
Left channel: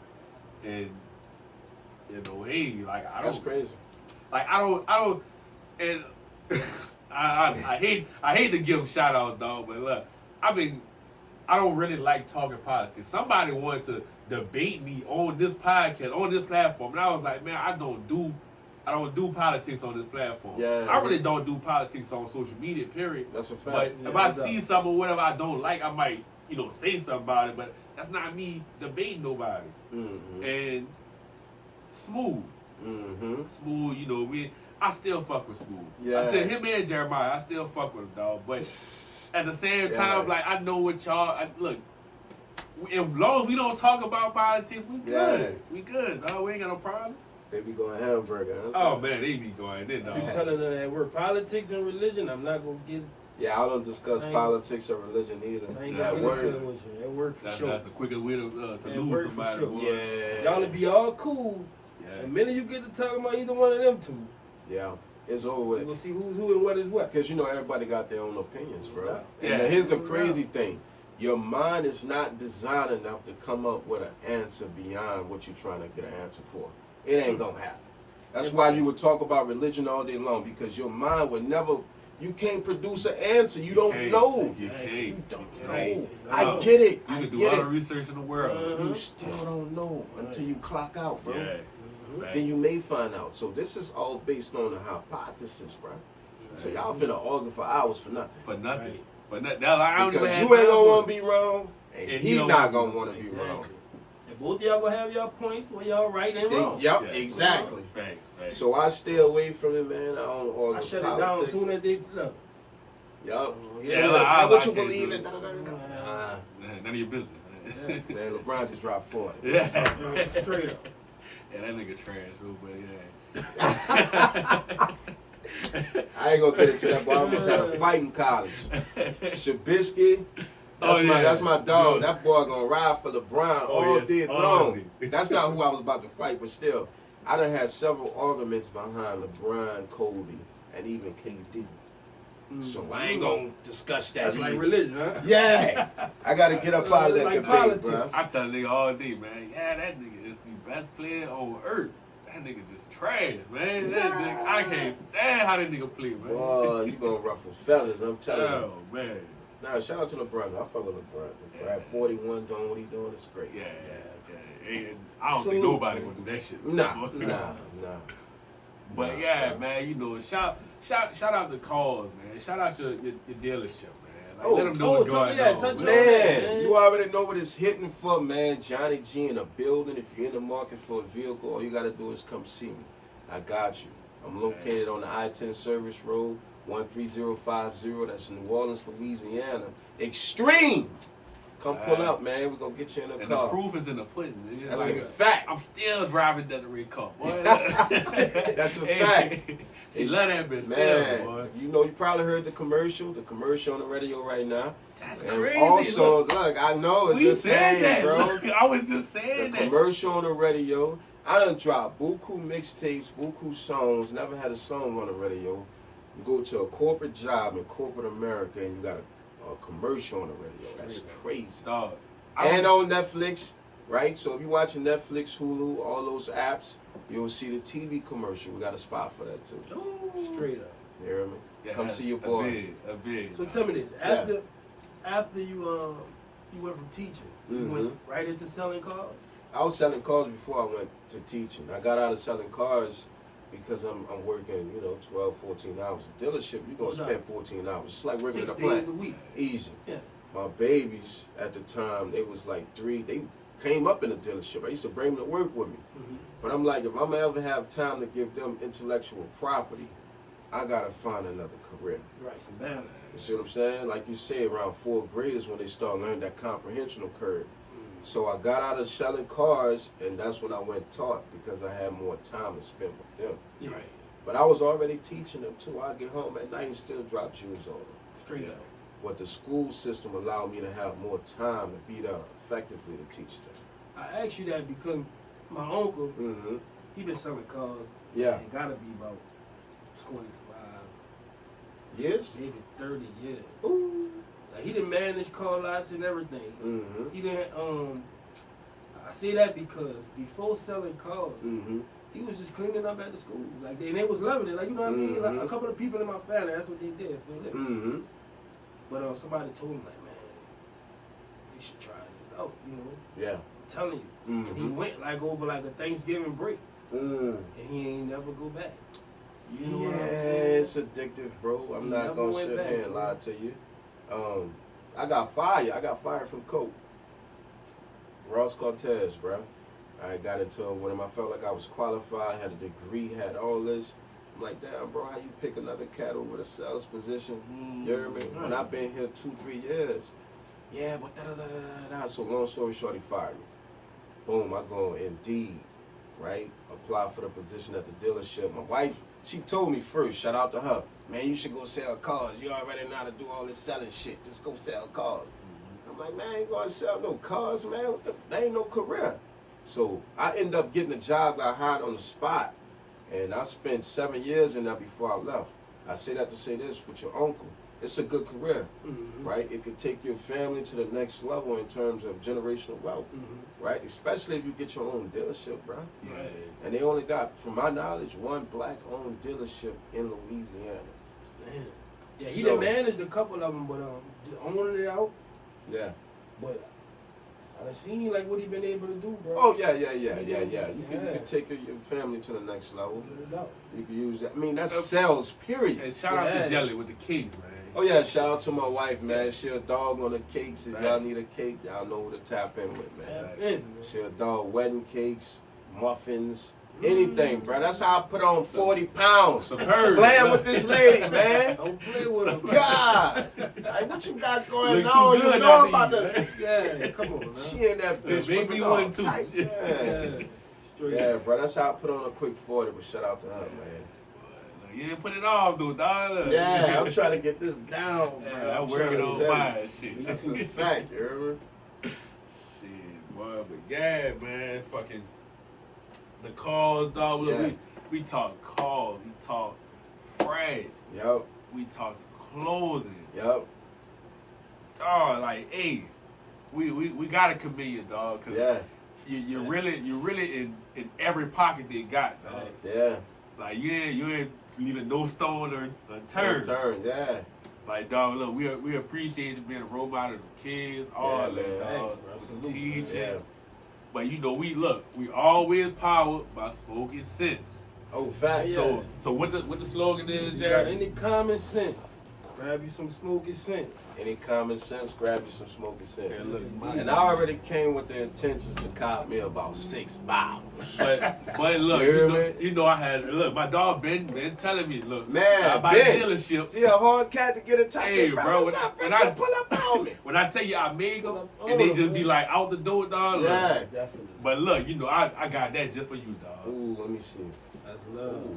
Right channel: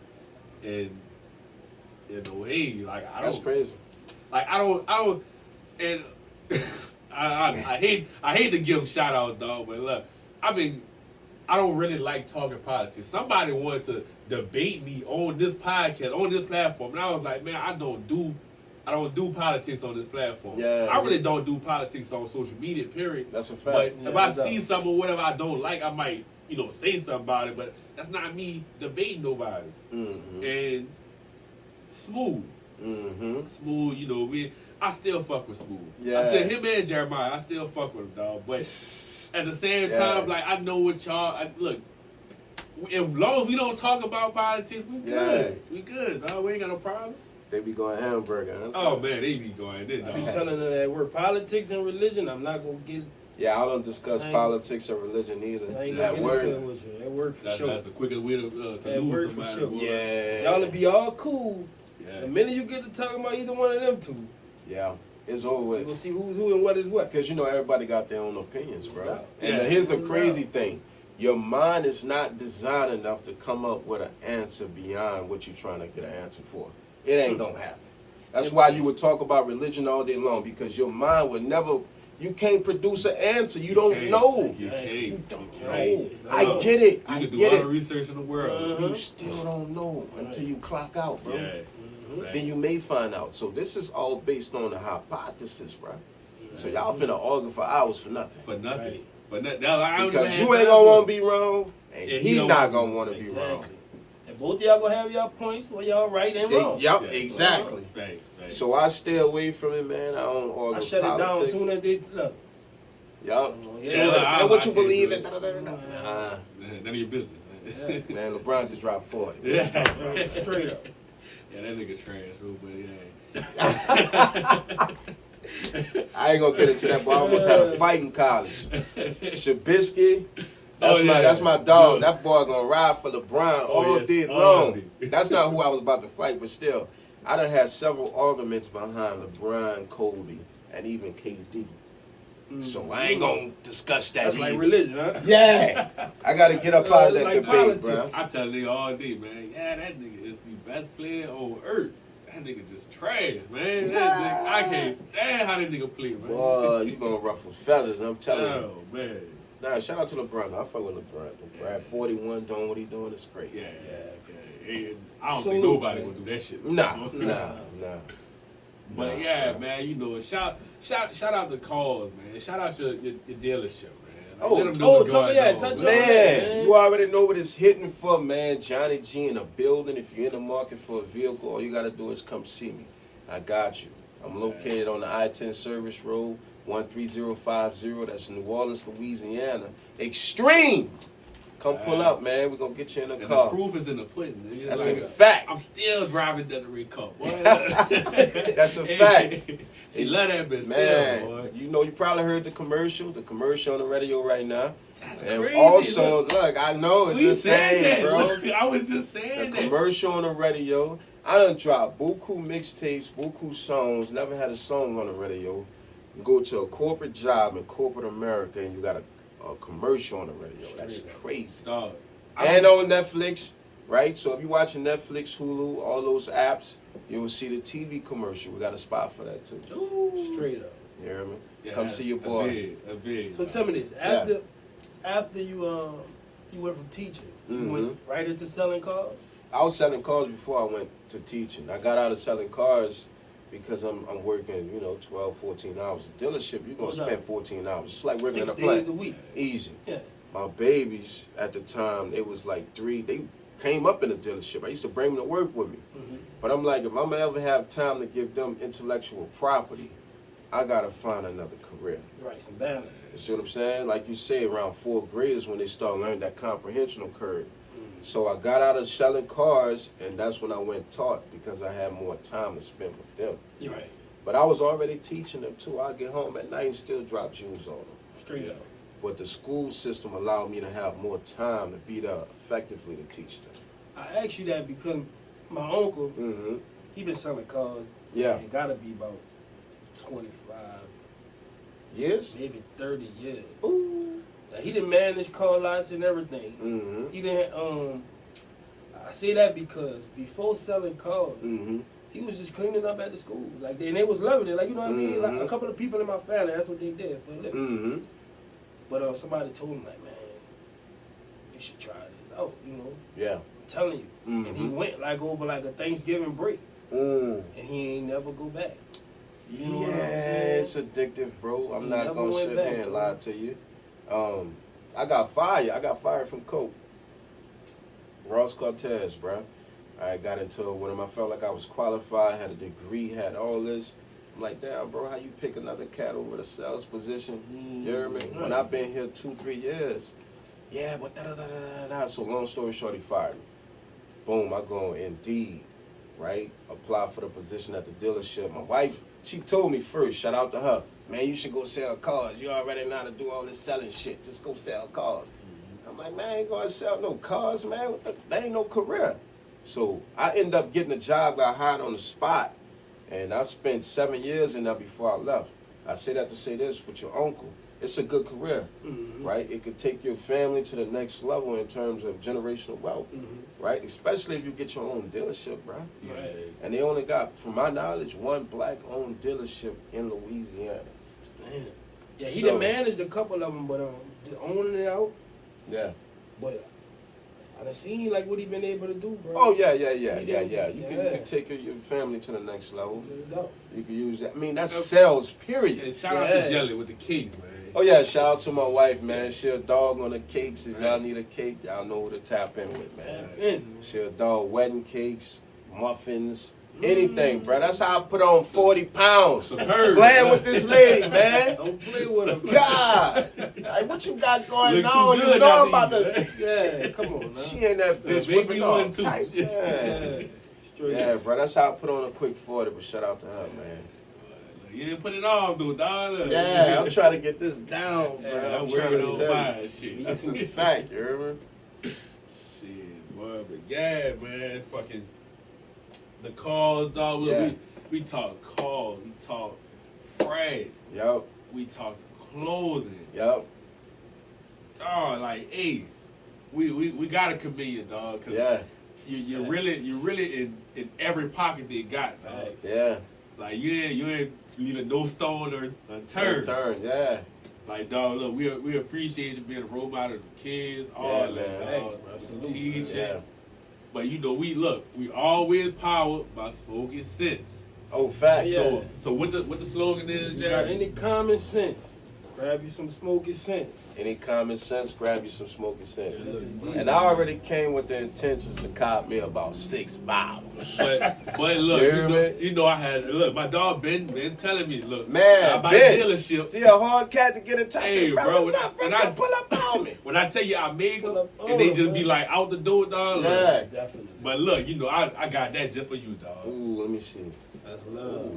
and you know, hey, like I don't. That's crazy. Like I don't, and I hate to give them shout outs, dog, but look, I don't really like talking politics. Somebody wanted to debate me on this podcast, on this platform, and I was like, man, I don't do politics on this platform. Yeah, I really don't do politics on social media, period. That's a fact. But if I see something or whatever I don't like, I might, say something about it, but that's not me debating nobody. Mm-hmm. And Smooth. Mm-hmm. Smooth, I still fuck with Smooth. Yeah. Him and Jeremiah, I still fuck with him, dog. But at the same time, like, I know what look, as long as we don't talk about politics, we good. Yeah. We good, dog. We ain't got no problems. They be going hamburger. Oh, man, they be going in, dog. I be telling them that word politics and religion, I'm not going to get... Yeah, I don't discuss politics or religion either. I ain't gonna get into it with you. That work for sure. That's the quickest way to lose somebody. Sure. Yeah. Y'all will be all cool. Yeah. The minute you get to talking about either one of them two, yeah, it's over with. We'll see who's who and what is what. Because everybody got their own opinions, bro. Yeah. And here's the crazy thing. Your mind is not designed enough to come up with an answer beyond what you're trying to get an answer for. It ain't gonna happen. That's why you would talk about religion all day long, because your mind would never... You can't produce an answer. You don't know. You don't know. I get it. You can do all the research in the world. You still don't know until you clock out, bro. Yeah. Then you may find out. So this is all based on a hypothesis, bro. So y'all finna argue for hours for nothing. For nothing. Right. But I don't even because have you ain't time gonna for want to be wrong, and he not gonna want to be wrong. And both of y'all gonna have y'all points where y'all right and wrong. Yep, exactly. Thanks. So I stay away from it, man. I don't argue. I shut it down as soon as they look. Yup. Yeah, what you believe in? None of your business. Man, LeBron just dropped 40. Yeah. Straight up. Yeah, that nigga trash, but I ain't gonna get into that, but I almost had a fight in college. Shabisky. That's my dog. That boy gonna ride for LeBron all day long. That's not who I was about to fight, but still, I done had several arguments behind LeBron, Kobe, and even KD. So I ain't gonna discuss that. That's like religion, huh? Yeah. I gotta get up out of that debate, politics. bro. I tell a nigga all day, man. Yeah, that nigga is the best player on earth. That nigga just trash, man. That nigga, I can't stand how that nigga play, man. Boy, you gonna ruffle feathers, I'm telling you. Oh, man. Nah, shout out to LeBron. I fuck with LeBron. LeBron, 41, doing what he doing, it's great. Yeah. And I don't think nobody would do that shit. Nah. But man, shout out the cause, man. Shout out your dealership, man. Like, let them know what's going on. Man, you already know what it's hitting for, man. Johnny G in a building. If you're in the market for a vehicle, all you gotta do is come see me. I got you. I'm located on the I-10 Service Road, 13050. That's in New Orleans, Louisiana. Extreme. Come pull up, man. We're going to get you in the car. And the proof is in the pudding. That's a fact. I'm still driving Desiree Cup, boy. That's a fact. She love that bitch man, still, boy. You probably heard the commercial on the radio right now. That's and crazy. Also, look, I know it's just saying, that, bro. Look, I was just saying the commercial on the radio. I done dropped buku mixtapes, buku songs, never had a song on the radio. You go to a corporate job in corporate America and you got a commercial on the radio. That's crazy. Dog. And on Netflix, right? So if you're watching Netflix, Hulu, all those apps, you'll see the TV commercial. We got a spot for that too. Ooh. Straight up. You hear me? Yeah, come see your boy. A big. So tell me this: after you went from teaching, you went right into selling cars. I was selling cars before I went to teaching. I got out of selling cars because I'm working, 12, 14 hours. A dealership, you're going to spend 14 hours. It's like working in a plant. 6 days a week. Easy. Yeah. My babies at the time, it was like 3. They came up in the dealership. I used to bring them to work with me. Mm-hmm. But I'm like, if I'm ever have time to give them intellectual property, I got to find another career. Right, some balance. You see what I'm saying? Like you say, around 4th grade is when they start learning that comprehensional curve. So I got out of selling cars, and that's when I went taught because I had more time to spend with them. You're right. But I was already teaching them too. I get home at night and still drop jewels on them. Straight up. But the school system allowed me to have more time to be there effectively to teach them. I asked you that because my uncle, Mm-hmm. he been selling cars. Yeah. It gotta be about 25, Years? maybe 30 years. Ooh. Like, he done managed car lots and everything. Mm-hmm. He didn't. I say that because before selling cars, Mm-hmm. he was just cleaning up at the school. Like, and they was loving it. Like, you know what I mean? Like, a couple of people in my family, that's what they did for a living. Mm-hmm. But somebody told him, like, man, you should try this out. Yeah. I'm telling you. Mm-hmm. And he went like over like a Thanksgiving break, Mm. and he ain't never go back. You know Yeah, what I'm saying? it's addictive, bro. I'm He not never gonna went sit back, here and bro. lie to you. I got fired. I got fired from Coke. Ross Cortez, bro. I got into it with him. I felt like I was qualified, had a degree, had all this. I'm like, damn, bro, how you pick another cat over the sales position? You hear me? When I've been here 2-3 years. Yeah, but da-da-da-da-da. So long story short, he fired me. Boom, I go on Indeed, right? Apply for the position at the dealership. My wife, she told me first, shout out to her, man, you should go sell cars. You already know how to do all this selling shit. Just go sell cars. I'm like, man, I ain't gonna sell no cars, man. That ain't no career. So I ended up getting a job, got hired on the spot, and I spent 7 years in there before I left. I say that to say this, with your uncle, it's a good career, right? It could take your family to the next level in terms of generational wealth, right? Especially if you get your own dealership, bro. Right. And they only got, from my knowledge, one black-owned dealership in Louisiana. Damn. Yeah, he So- done managed a couple of them, but owning it out. Yeah. But I done seen like what he been able to do, bro. Oh, yeah. You Yeah. can take your family to the next level. No doubt. You can use that. I mean, that's sales, period. And shout out Yeah. to Jelly with the cakes, man. Oh yeah, shout out to my wife, man. She a dog on the cakes. If y'all Nice. need a cake, y'all know who to tap in with, man. Tap in, man. She a dog, wedding cakes, muffins, anything, bro. That's how I put on 40 pounds. Superb. Playing with this lady, man. Don't play with him. God, like what you got going Look too on? good You know out I'm about there, to. Yeah, come on, man. She in that bitch Make whipping me all one too. tight. Yeah. Yeah, straight. Yeah, bro. That's how I put on a quick 40. But shout out to her, man. You didn't put it off, though, dog. Look. Yeah, I'm trying to get this down, man. Yeah, I'm trying working to on tell you. mine, shit. That's a fact, you heard me? Shit, boy, but yeah, man, fucking the calls, dog. Look, Yeah. we talk calls, we talk freight, Yup, we talk clothing, yup. dog. Like, hey, we gotta commend you, dog, cause Yeah, you're really in every pocket they got, dog. Thanks. yeah. Like you ain't leaving no stone unturned. Turn, yeah. Like, dog, look, we appreciate you being a role model to the kids, all Yeah, that, man. dog. Thanks, bro. With Salute, the man. teaching. Yeah. But you know, we always powered by smoking sense. Oh, facts. Yeah. So what the slogan is, You got Jerry? any common sense? Grab you some smoky sense. Any common sense, grab you some smoking sense. Yeah, look, And I already came with the intentions to cop me about 6 bottles. But look, You hear you know I had look. My dog been telling me, look, Man, I buy Ben. dealerships. See a hard cat to get in touch Hey, with, bro, What's up, bro? when I- Pull up on me. When I tell you I made them, Pull up and they on just them, be man. like out the door, dog. Look. Yeah. Definitely. But look, you know I got that just for you, dog. Ooh, let me see. That's love.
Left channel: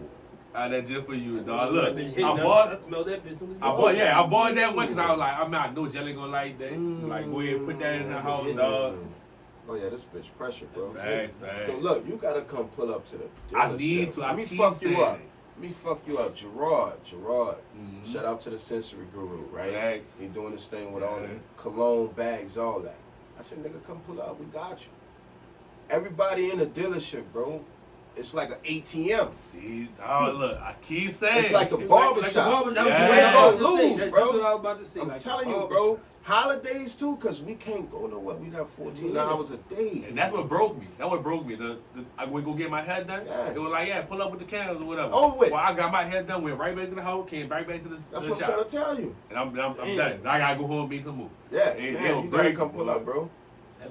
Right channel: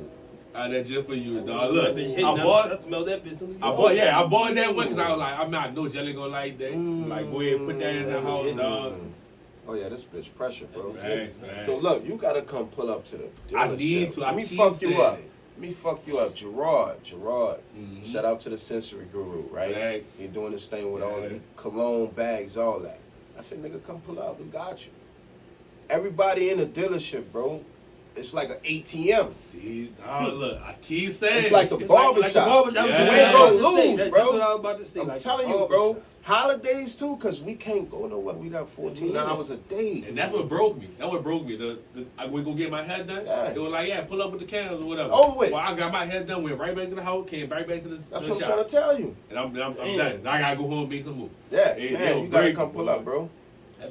I got that just for you, I dog. smell Look, that bitch hitting I up. bought. I smell that bitch. Soon as you I open it. bought that one because I was like, I know Jelly gonna like that. Like, go ahead and put that in the house, dog. Oh yeah, this bitch pressure, bro. Thanks, man. So look, you gotta come pull up to the I need dealership. to. I Let me keep fuck you saying up. it. Let me fuck you up. Gerard. Mhm. Shout out to the sensory guru, right? Thanks. You're doing this thing with all Yeah. the cologne bags, all that. I said, nigga, come pull up. We got you. Everybody in the dealership, bro. It's like an ATM. See, dog, look, I keep saying It's like a It's barbershop. like a barbershop. Yeah. That's You ain't what I was gonna about to say. lose, That's bro. what I was about to say. I'm like a telling you, bro. barbershop. Holidays too, cause we can't go nowhere. We got 14 hours a day, and that's what broke me. That what broke me. I would go get my hair done. Yeah. They were like, "Yeah, pull up with the cameras or whatever." Oh wait. Well, I got my hair done, went right back to the house, came right back to the That's the what I'm shop, trying to tell you. and I'm done. I gotta go home and make some move. Yeah, They man, will you gotta break come you, pull boy. up, bro.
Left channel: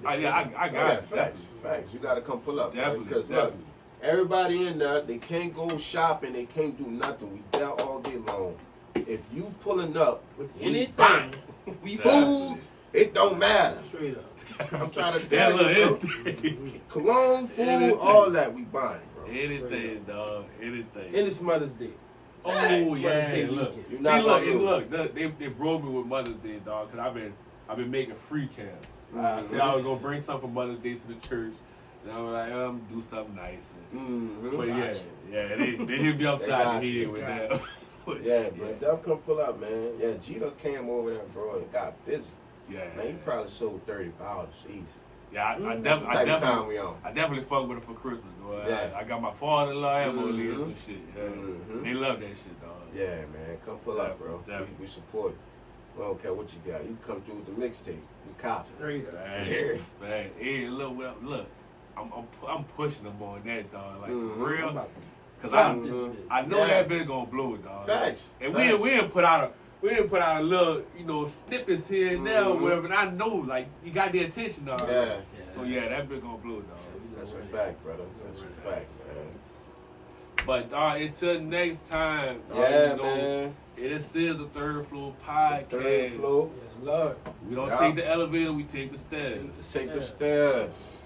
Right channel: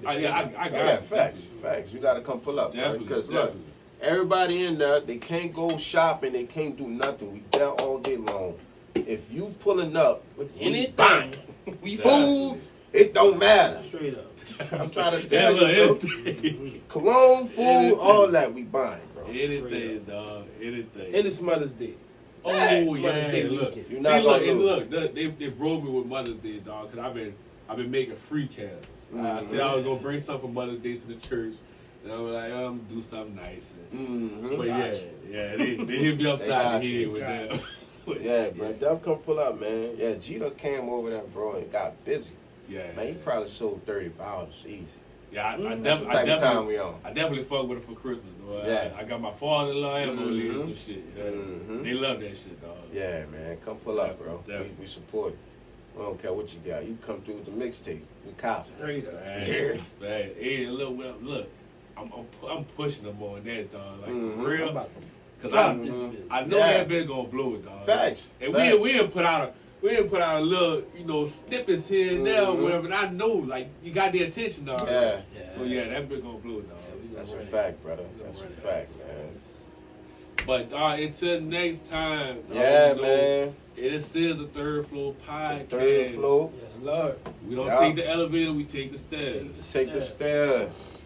I got Yeah, it. facts. You gotta come pull up, Definitely, because definitely. look, everybody in there, they can't go shopping, they can't do nothing. We there all day long. If you pulling up With we anything, buying. we Food, it don't matter. straight up. I'm trying to tell you, bro. Cologne, food, all that we buying, bro. Anything, dog. Anything. And it's Mother's Day. Oh Mother's yeah, Day look. weekend. You're See, not look, gonna and lose. look. They broke me with Mother's Day, dog. Cause I've been making free cams. I Mhm. said I was gonna bring something for Mother's Day to the church, and I was like, do something nice. But yeah, they hit me upside got the you. head with that. Yeah, bro. Def come pull up, man. Yeah, Gito came over there, bro, and got busy. Yeah, Man, he probably sold 30 bottles. Easy. yeah. I That's the type of time we definitely, on. I definitely fuck with it for Christmas, bro. Yeah. I got my father-in-law and my Mhm. some shit. Yeah. Mhm. They love that shit, dog. Yeah, man. Come pull up, bro. Definitely. We support you. We don't care what you got. You come through with the mixtape. We copy. Straight up. Man, hey, look, I'm pushing them on that, dog. Like Mhm. for real, I'm about to cause drop I this bitch. know Yeah. that been gonna blow it, dog. Facts. And Facts. we didn't put out a little, snippets here and there, or Mhm. whatever. And I know, like, you got the attention, dog. Yeah. So yeah, that been gonna blow it, dog. That's a fact, brother. That's a fact, man. But dog, until next time, dog, Yeah, man. It is still the Third Floor Podcast. Third floor. Yes, Lord. We don't Yeah. take the elevator, we take the stairs. Take the stairs.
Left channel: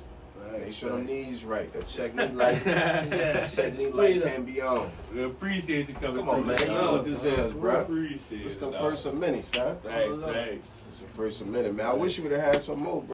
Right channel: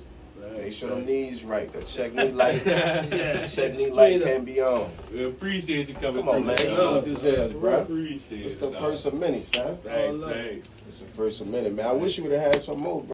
Make sure the knees right. The check knee light. Check knee light can be on. We appreciate you coming Come on, through. man. You know what this is, bro. Appreciate It's it. the dog. first of many, son. Thanks. It's the first of many, man. I wish you would have had some more, bro.